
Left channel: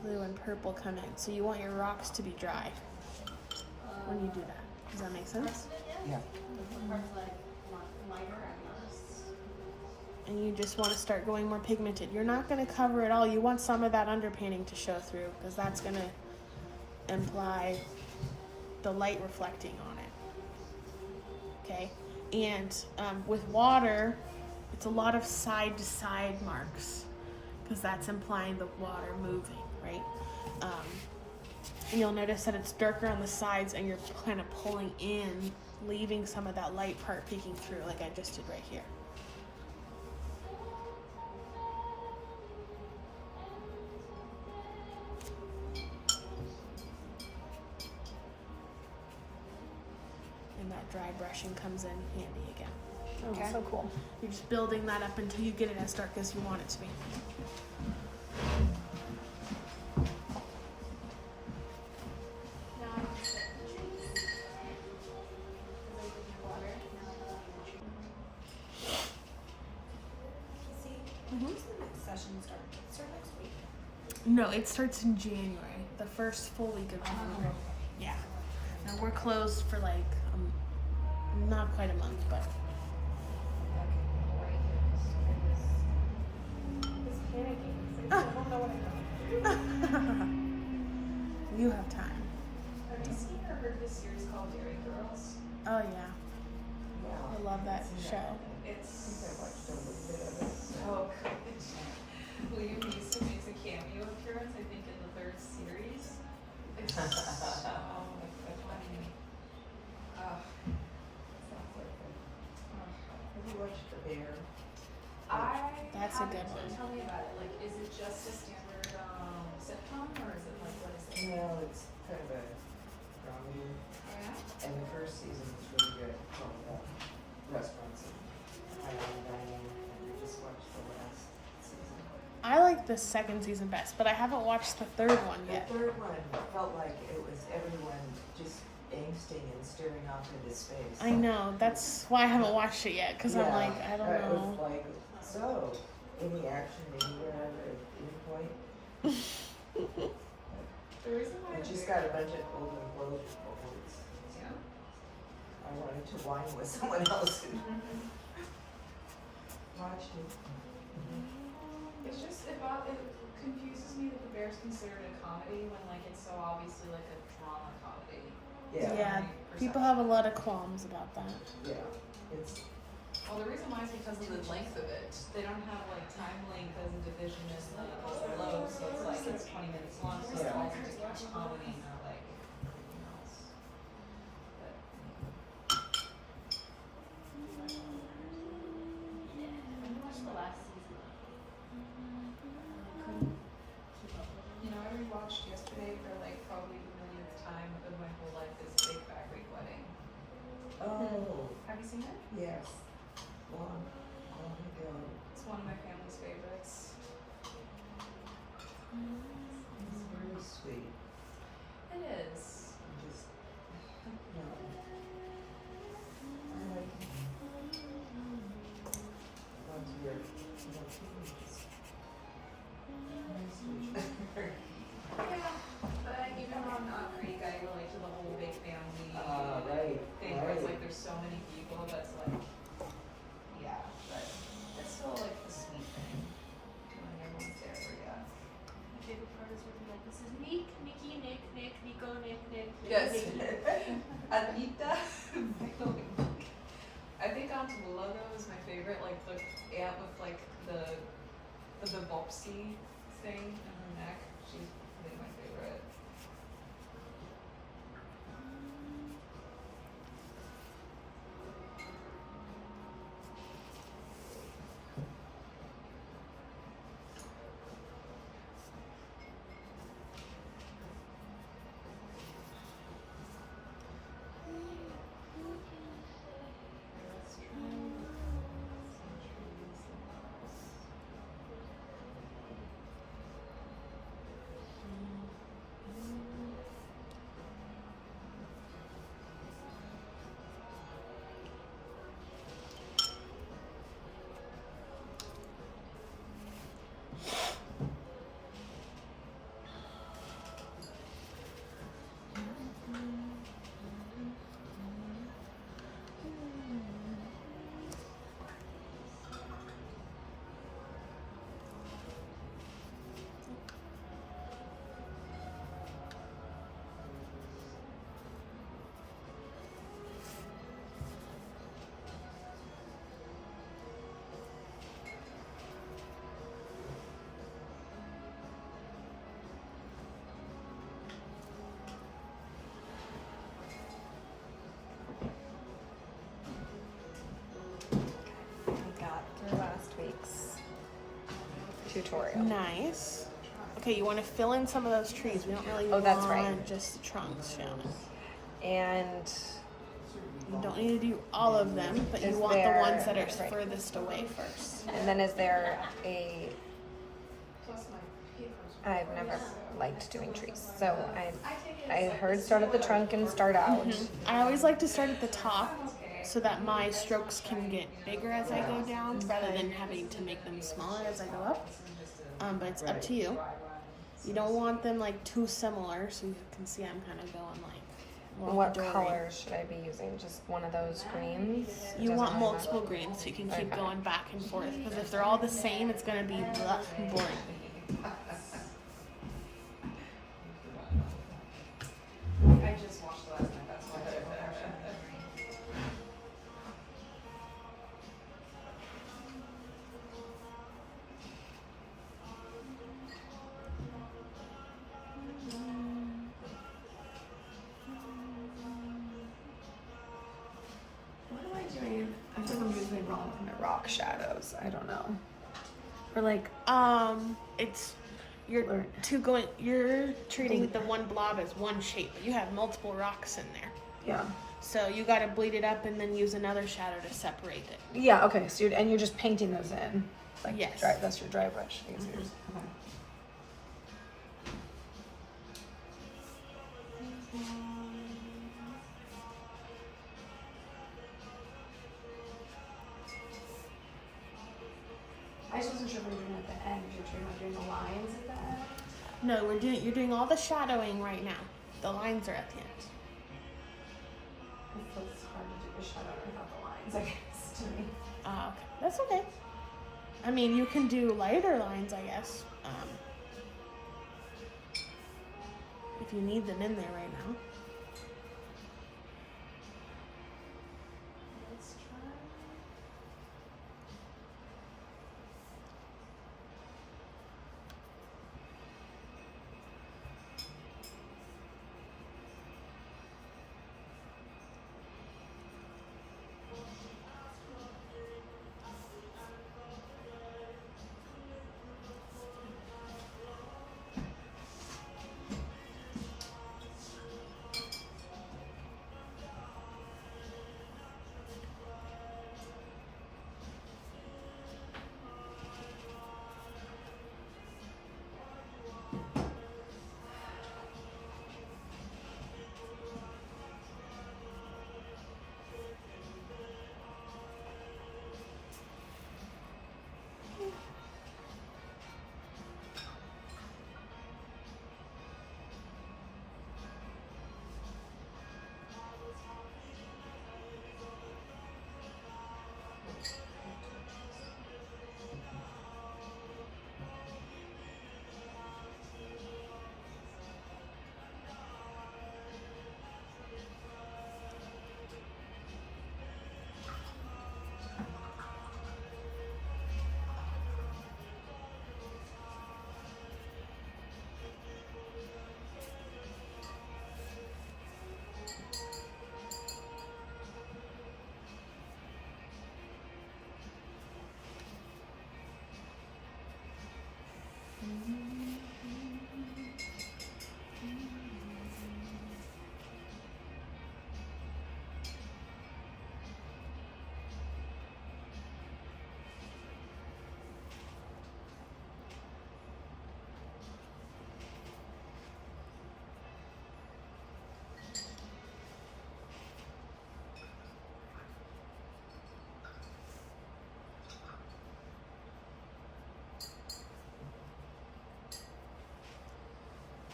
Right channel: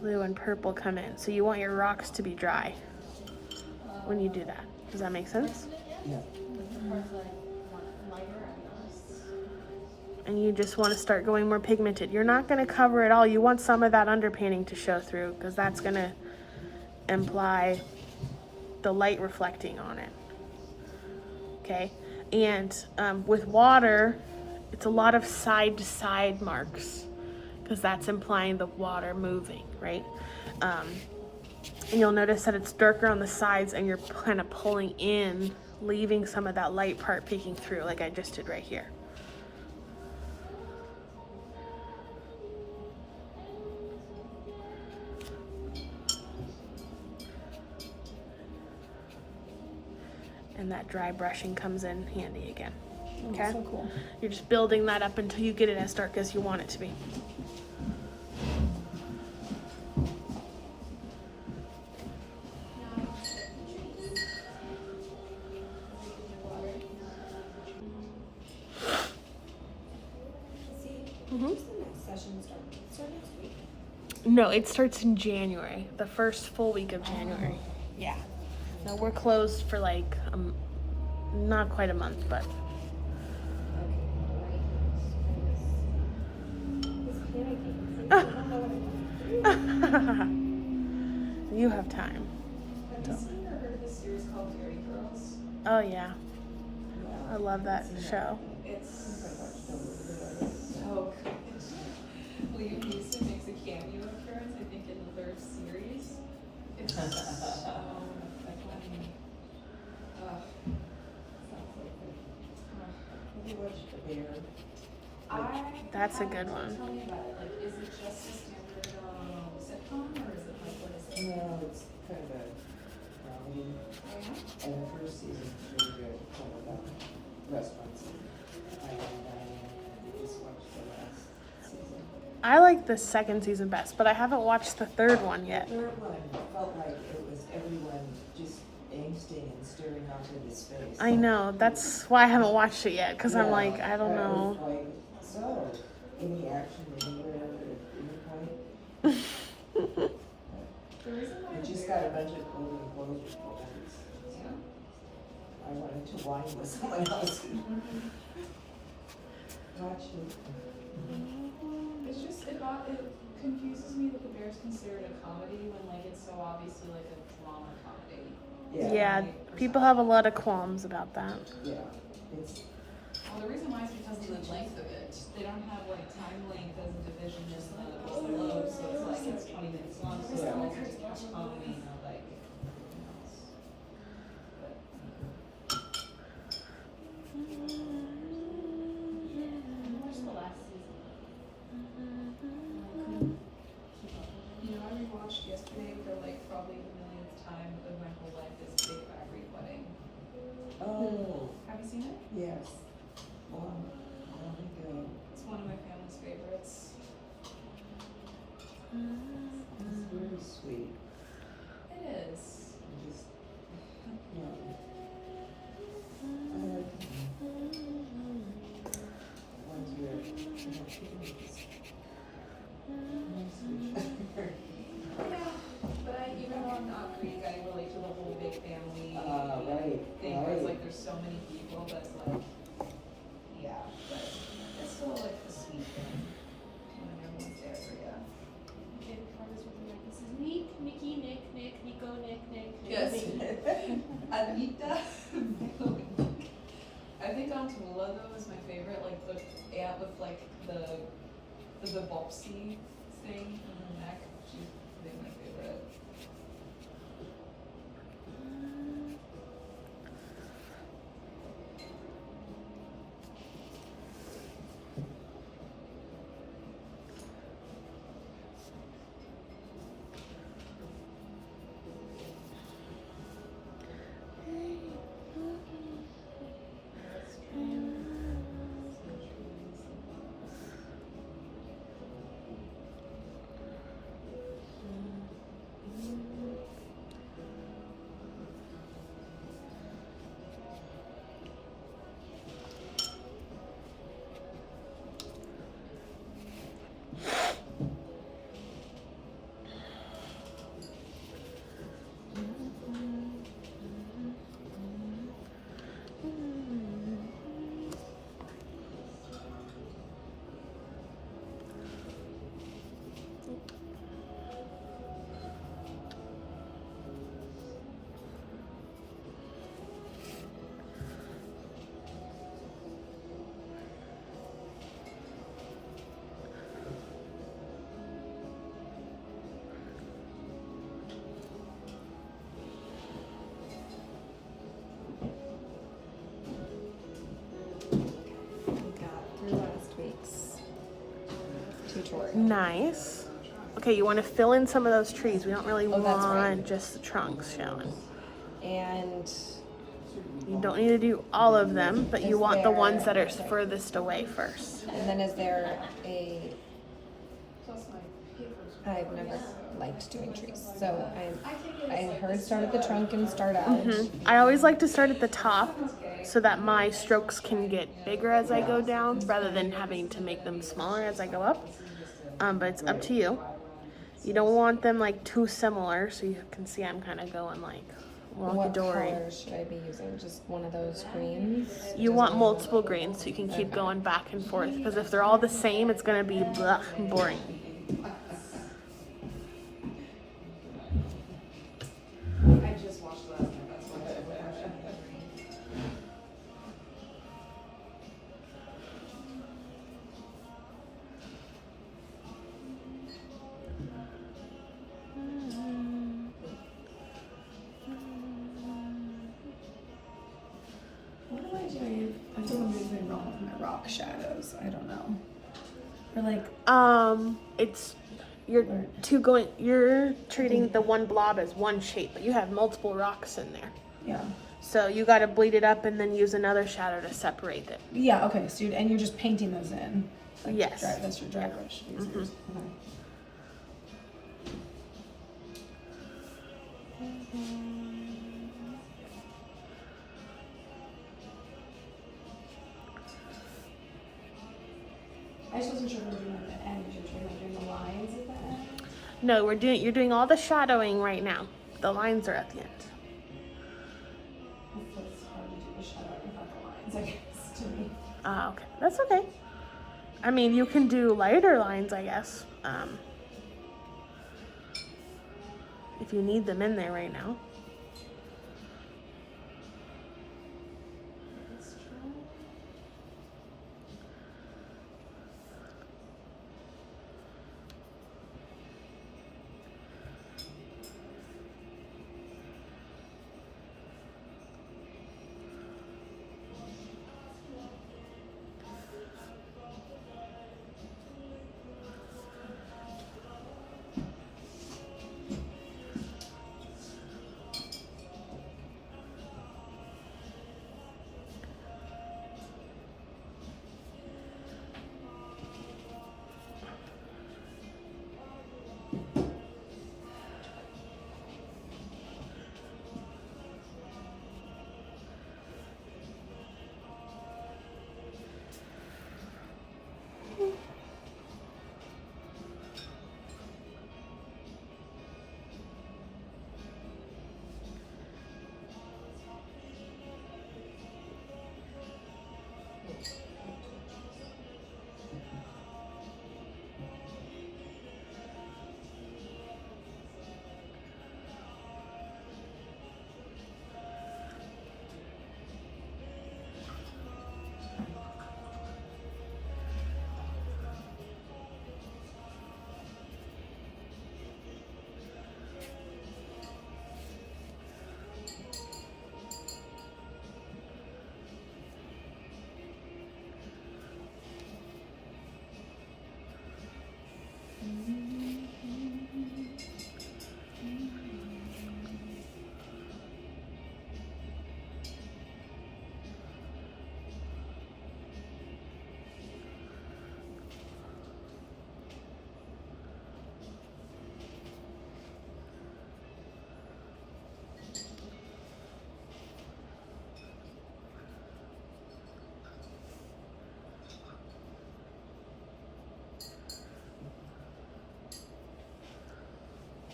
blue and purple come in. So you want your rocks to be dry when you do that. Does that make sense? Yeah. And you just want to start going more pigmented. You're not going to cover it all. You want some of that underpainting to show through because that's going to imply the light reflecting on it. Okay? And with water, it's a lot of side to side marks because that's implying the water moving, right? And you'll notice that it's darker on the sides and you're kind of pulling in, leaving some of that light part peeking through like I just did right here. And that dry brushing comes in handy again. Okay? Oh, so cool. You're just building that up until you get it as dark as you want it to be. No, it starts in January, the first full week of January. Yeah. No, we're closed for like not quite a month, but you have time. Have you seen or heard of this series called Dairy Girls? Oh yeah, I love that show. It's so good. Liam Neeson makes a cameo appearance, I think, in the third series. It's so funny. Oh. Have you watched The Bear? That's a good one. Tell me about it. Like, is it just a standard sitcom, or is it like, what is it? No, it's kind of a comedy. Oh, yeah? And the first season's really good. It's all about restaurants and high-end dining. And we just watched the last season. I like the second season best, but I haven't watched the third one yet. The third one felt like it was everyone just angsting and staring off into space. I know, that's why I haven't watched it yet, because I'm Yeah, like, I don't it was know. like, so, any action anywhere at any point? The reason why I just got a bunch of golden globes. I wanted to whine with someone else who watched it. It's just, it confuses me that The Bear's considered a comedy when, like, it's so obviously like a drama comedy. Yeah, people have a lot of qualms about that. Yeah, it's Well, the reason why is because of the length of it. They don't have like time length as a division is like low, so it's like it's 20 minutes long. So it's like it's following like everything else. But I watched the last season. you know, I rewatched yesterday for like probably the millionth time of my whole life this Big Fat Greek Wedding. Oh, Have you seen it? yes. Long ago. It's one of my family's favorites. It's really sweet. It is. Just, yeah. I like once you're, nice to each other. Yeah, but even though I'm not Greek, I relate to the whole big family Right, thing where it's right. like there's so many people that's like, yeah, but it's still like the sweet thing when everyone's there for you. My favorite part is when you're like, this is Nick, Mickey, Nick, Nico, Nick, Yes. Mickey. Anita. I think Aunt Willa though is my favorite, like the aunt with like the Bopsy thing on her neck. She's I think my favorite. tutorial. Nice. Okay, you want to fill in some of those trees. We don't really Oh, that's want right. just the trunks showing. And You don't need to do all of them, but you Is want the ones that are there- right. furthest away first. and then is there a Plus my papers. I've never liked doing trees. So I heard start at the trunk and start out. I always like to start at the top so that my strokes can get bigger as I go down rather than having to make them smaller as I go up. But it's up to you. You don't want them like too similar, so you can see I'm kind of going like What Walkadory. color should I be using? Just one of those greens? You want multiple greens so you can keep going back and forth, because if they're all the same, it's gonna be blah, boring. I just watched last night, that's why I What am I doing? I think I'm doing something wrong with my rock shadows. I don't know. Or like, It's you're treating the one blob as one shape, but you have multiple rocks in there. yeah. So you gotta bleed it up and then use another shadow to separate it. Yeah, okay. So you're just painting those in. Like Yes. Dry, that's your dry brush. I guess yours. Okay. I just wasn't sure if I was doing at the end. You're doing the lines at the end. No, you're doing all the shadowing right now. The lines are at the end. It's hard to do the shadow without the lines, I guess, to me. Okay, that's okay. I mean, you can do lighter lines, I guess. If you need them in there right now. Let's try.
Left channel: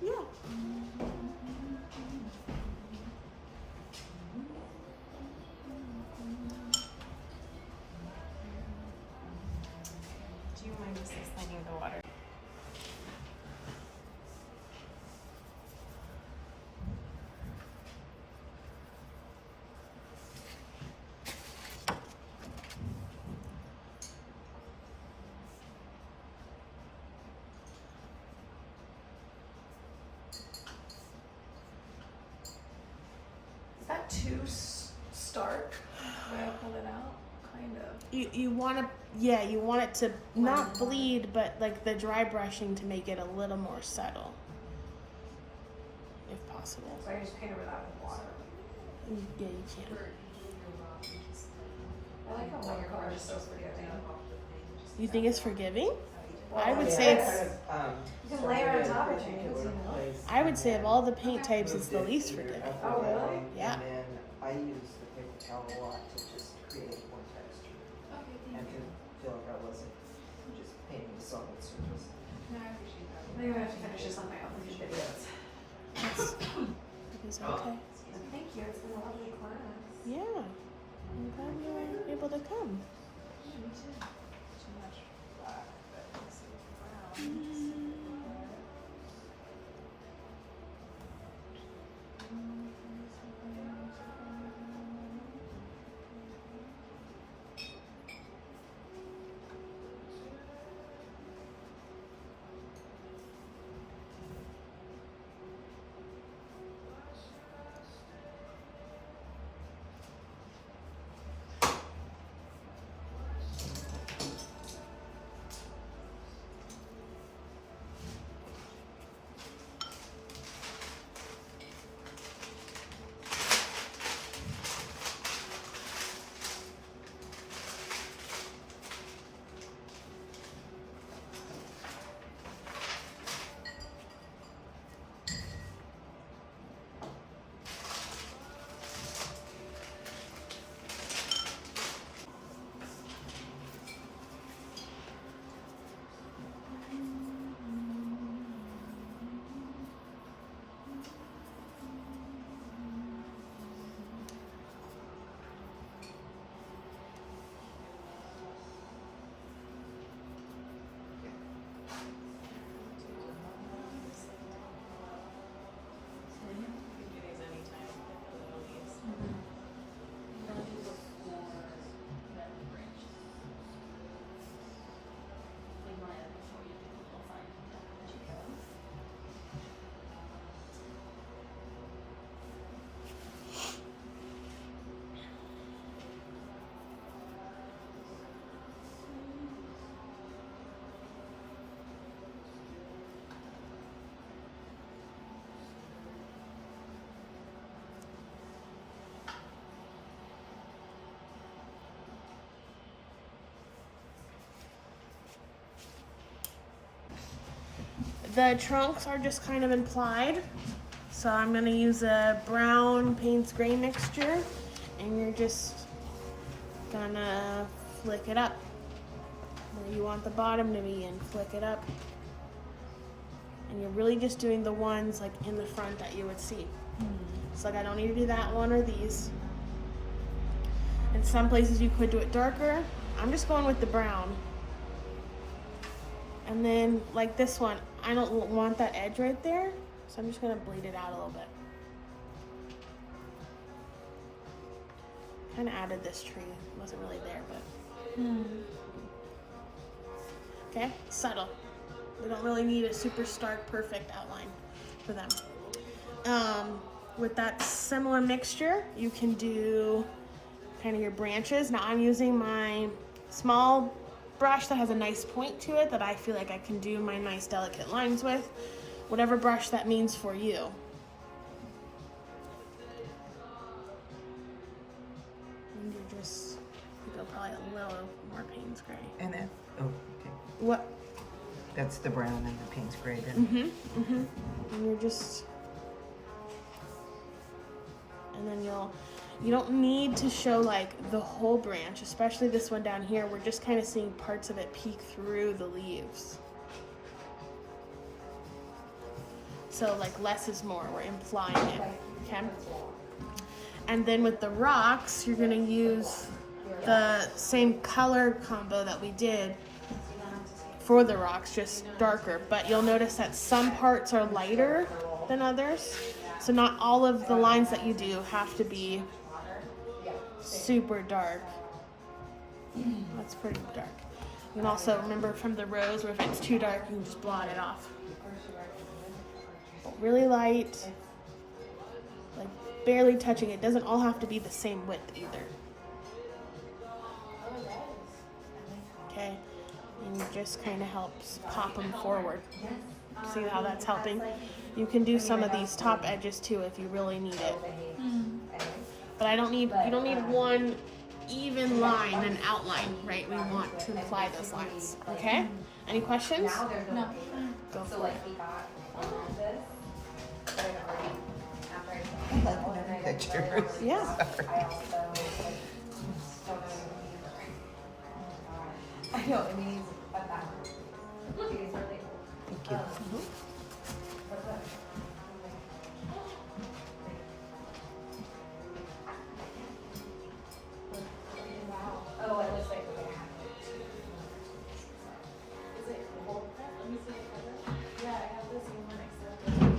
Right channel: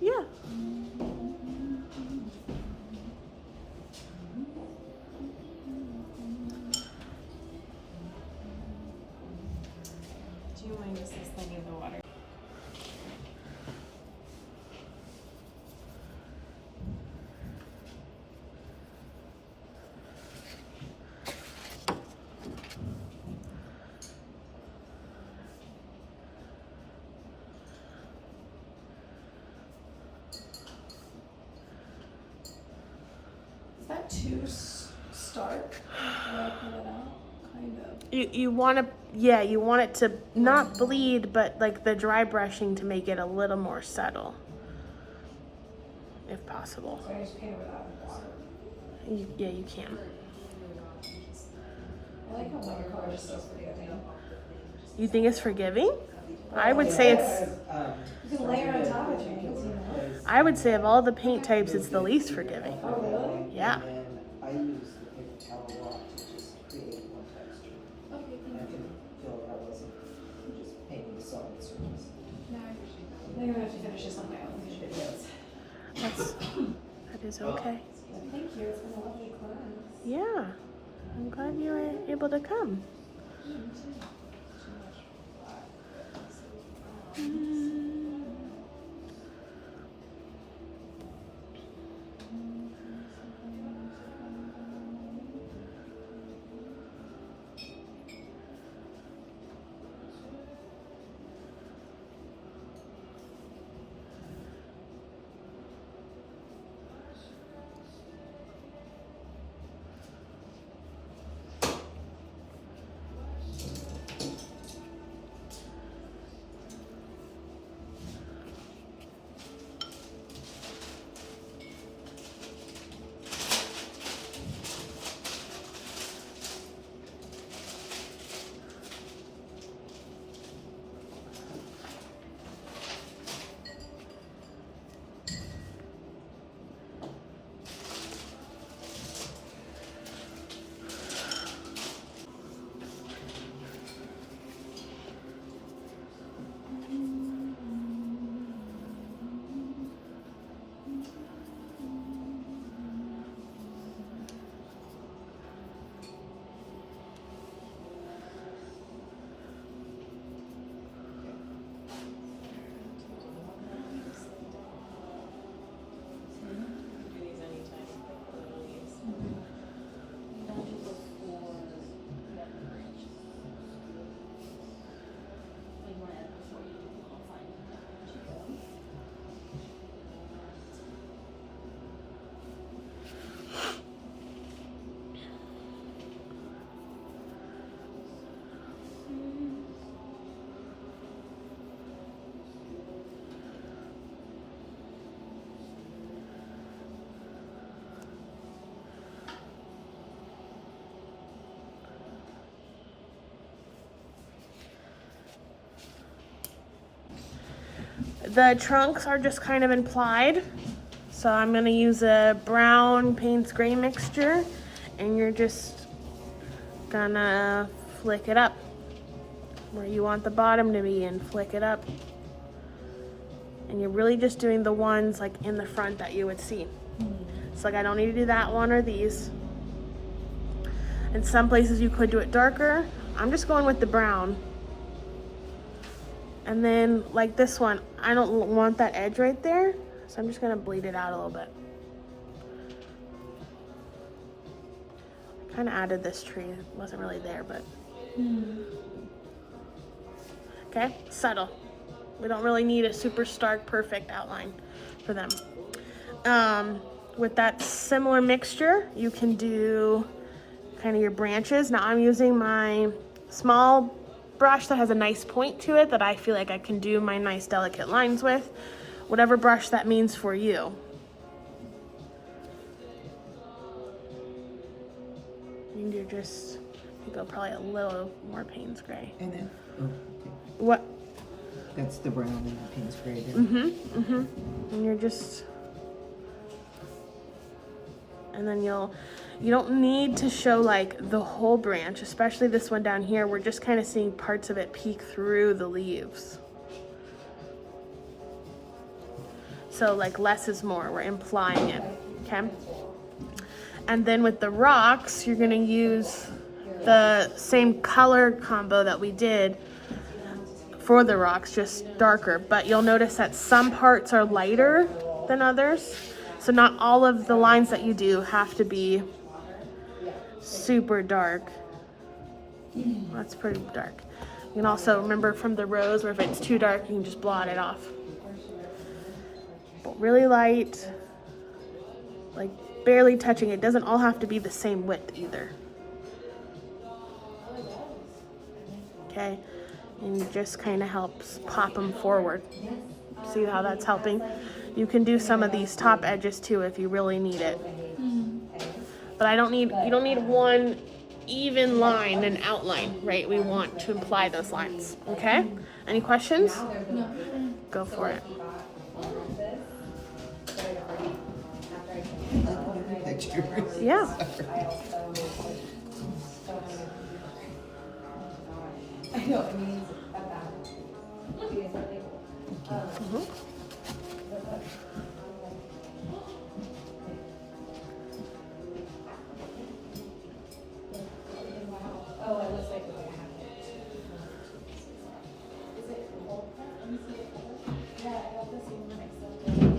Yeah. Do you mind just sliding the water? Is that too stark where I pull it out? Kind of. You want to, yeah, you want it to not bleed, but like the dry brushing to make it a little more subtle, if possible. So I just paint over that with water. Yeah, you can. I like how watercolor is so forgiving. You think it's forgiving? I would say it's. You can layer on top of things, you know? I would say of all the paint types, it's the least forgiving. Oh, really? Yeah. And then I use the paper towel a lot to just create more texture. I can feel like I wasn't just painting a solid surface. No, I appreciate that. I'm gonna have to finish this on my own videos. That is okay. Thank you, it's been a lovely class. Yeah. I'm glad you were able to come. The trunks are just kind of implied. So I'm gonna use a brown Payne's gray mixture, and you're just gonna flick it up where you want the bottom to be and flick it up. And you're really just doing the ones like in the front that you would see. So like I don't need to do that one or these. In some places you could do it darker. I'm just going with the brown. And then like this one, I don't want that edge right there. So I'm just gonna bleed it out a little bit. Kind of added this tree. It wasn't really there, but. Okay, subtle. We don't really need a super stark, perfect outline for them. With that similar mixture, you can do kind of your branches. Now I'm using my small brush that has a nice point to it that I feel like I can do my nice delicate lines with. Whatever brush that means for you. And you just go probably a little more Payne's gray. And then, oh, okay. What? That's the brown and the Payne's gray then. And you're just, and then you don't need to show like the whole branch, especially this one down here. We're just kind of seeing parts of it peek through the leaves. So like less is more, we're implying it, okay? And then with the rocks, you're gonna use the same color combo that we did for the rocks, just darker. But you'll notice that some parts are lighter than others. So not all of the lines that you do have to be super dark. That's pretty dark. You can also remember from the rose where if it's too dark, you can just blot it off. Really light, like barely touching. It doesn't all have to be the same width either. Okay, and you just kind of helps pop them forward. See how that's helping? You can do some of these top edges too if you really need it. But you don't need one even line and outline, right? We want to imply those lines, okay? Any questions? No. Go for it. I like another picture. Yeah. I know, I mean, oh, it looks like we're gonna have it. Is it whole? Yeah, I got this one except for the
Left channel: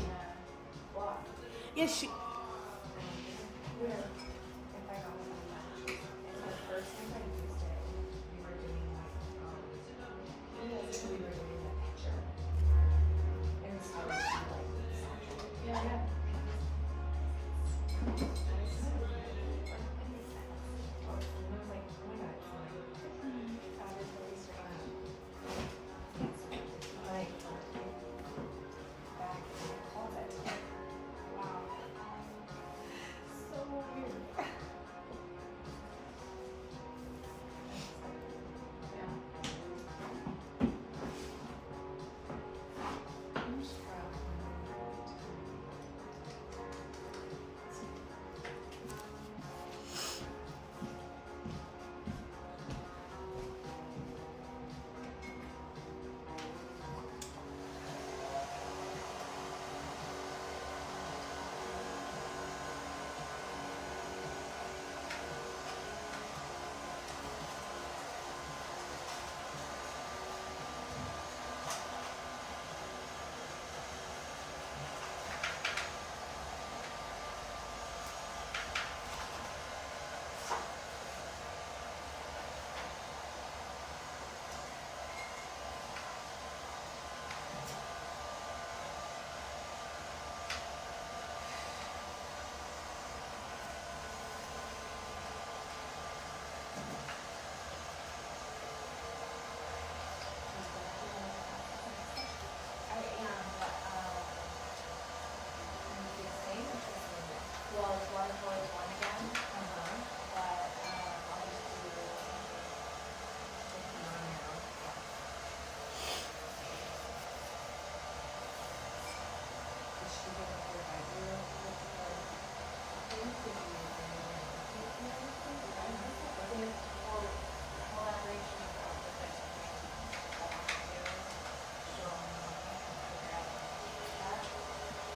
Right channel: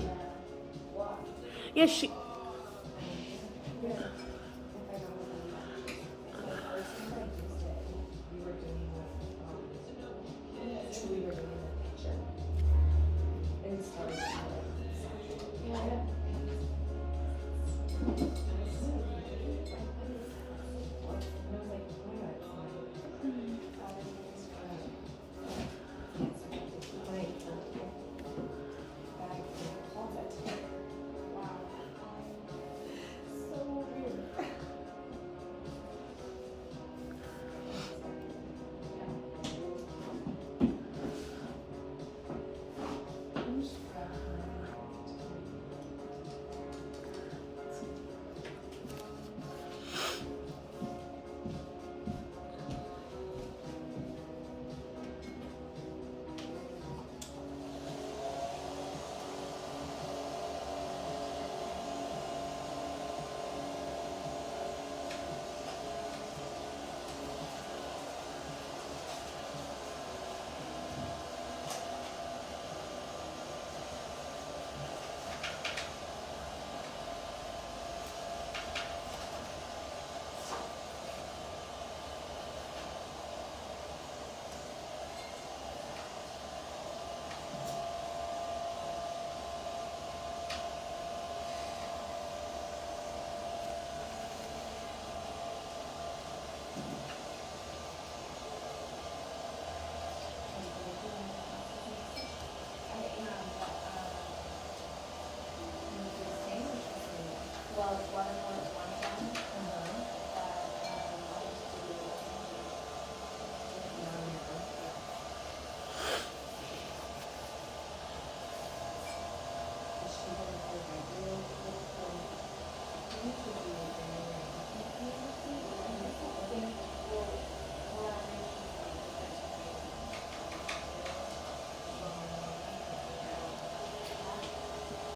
block. Yeah, she.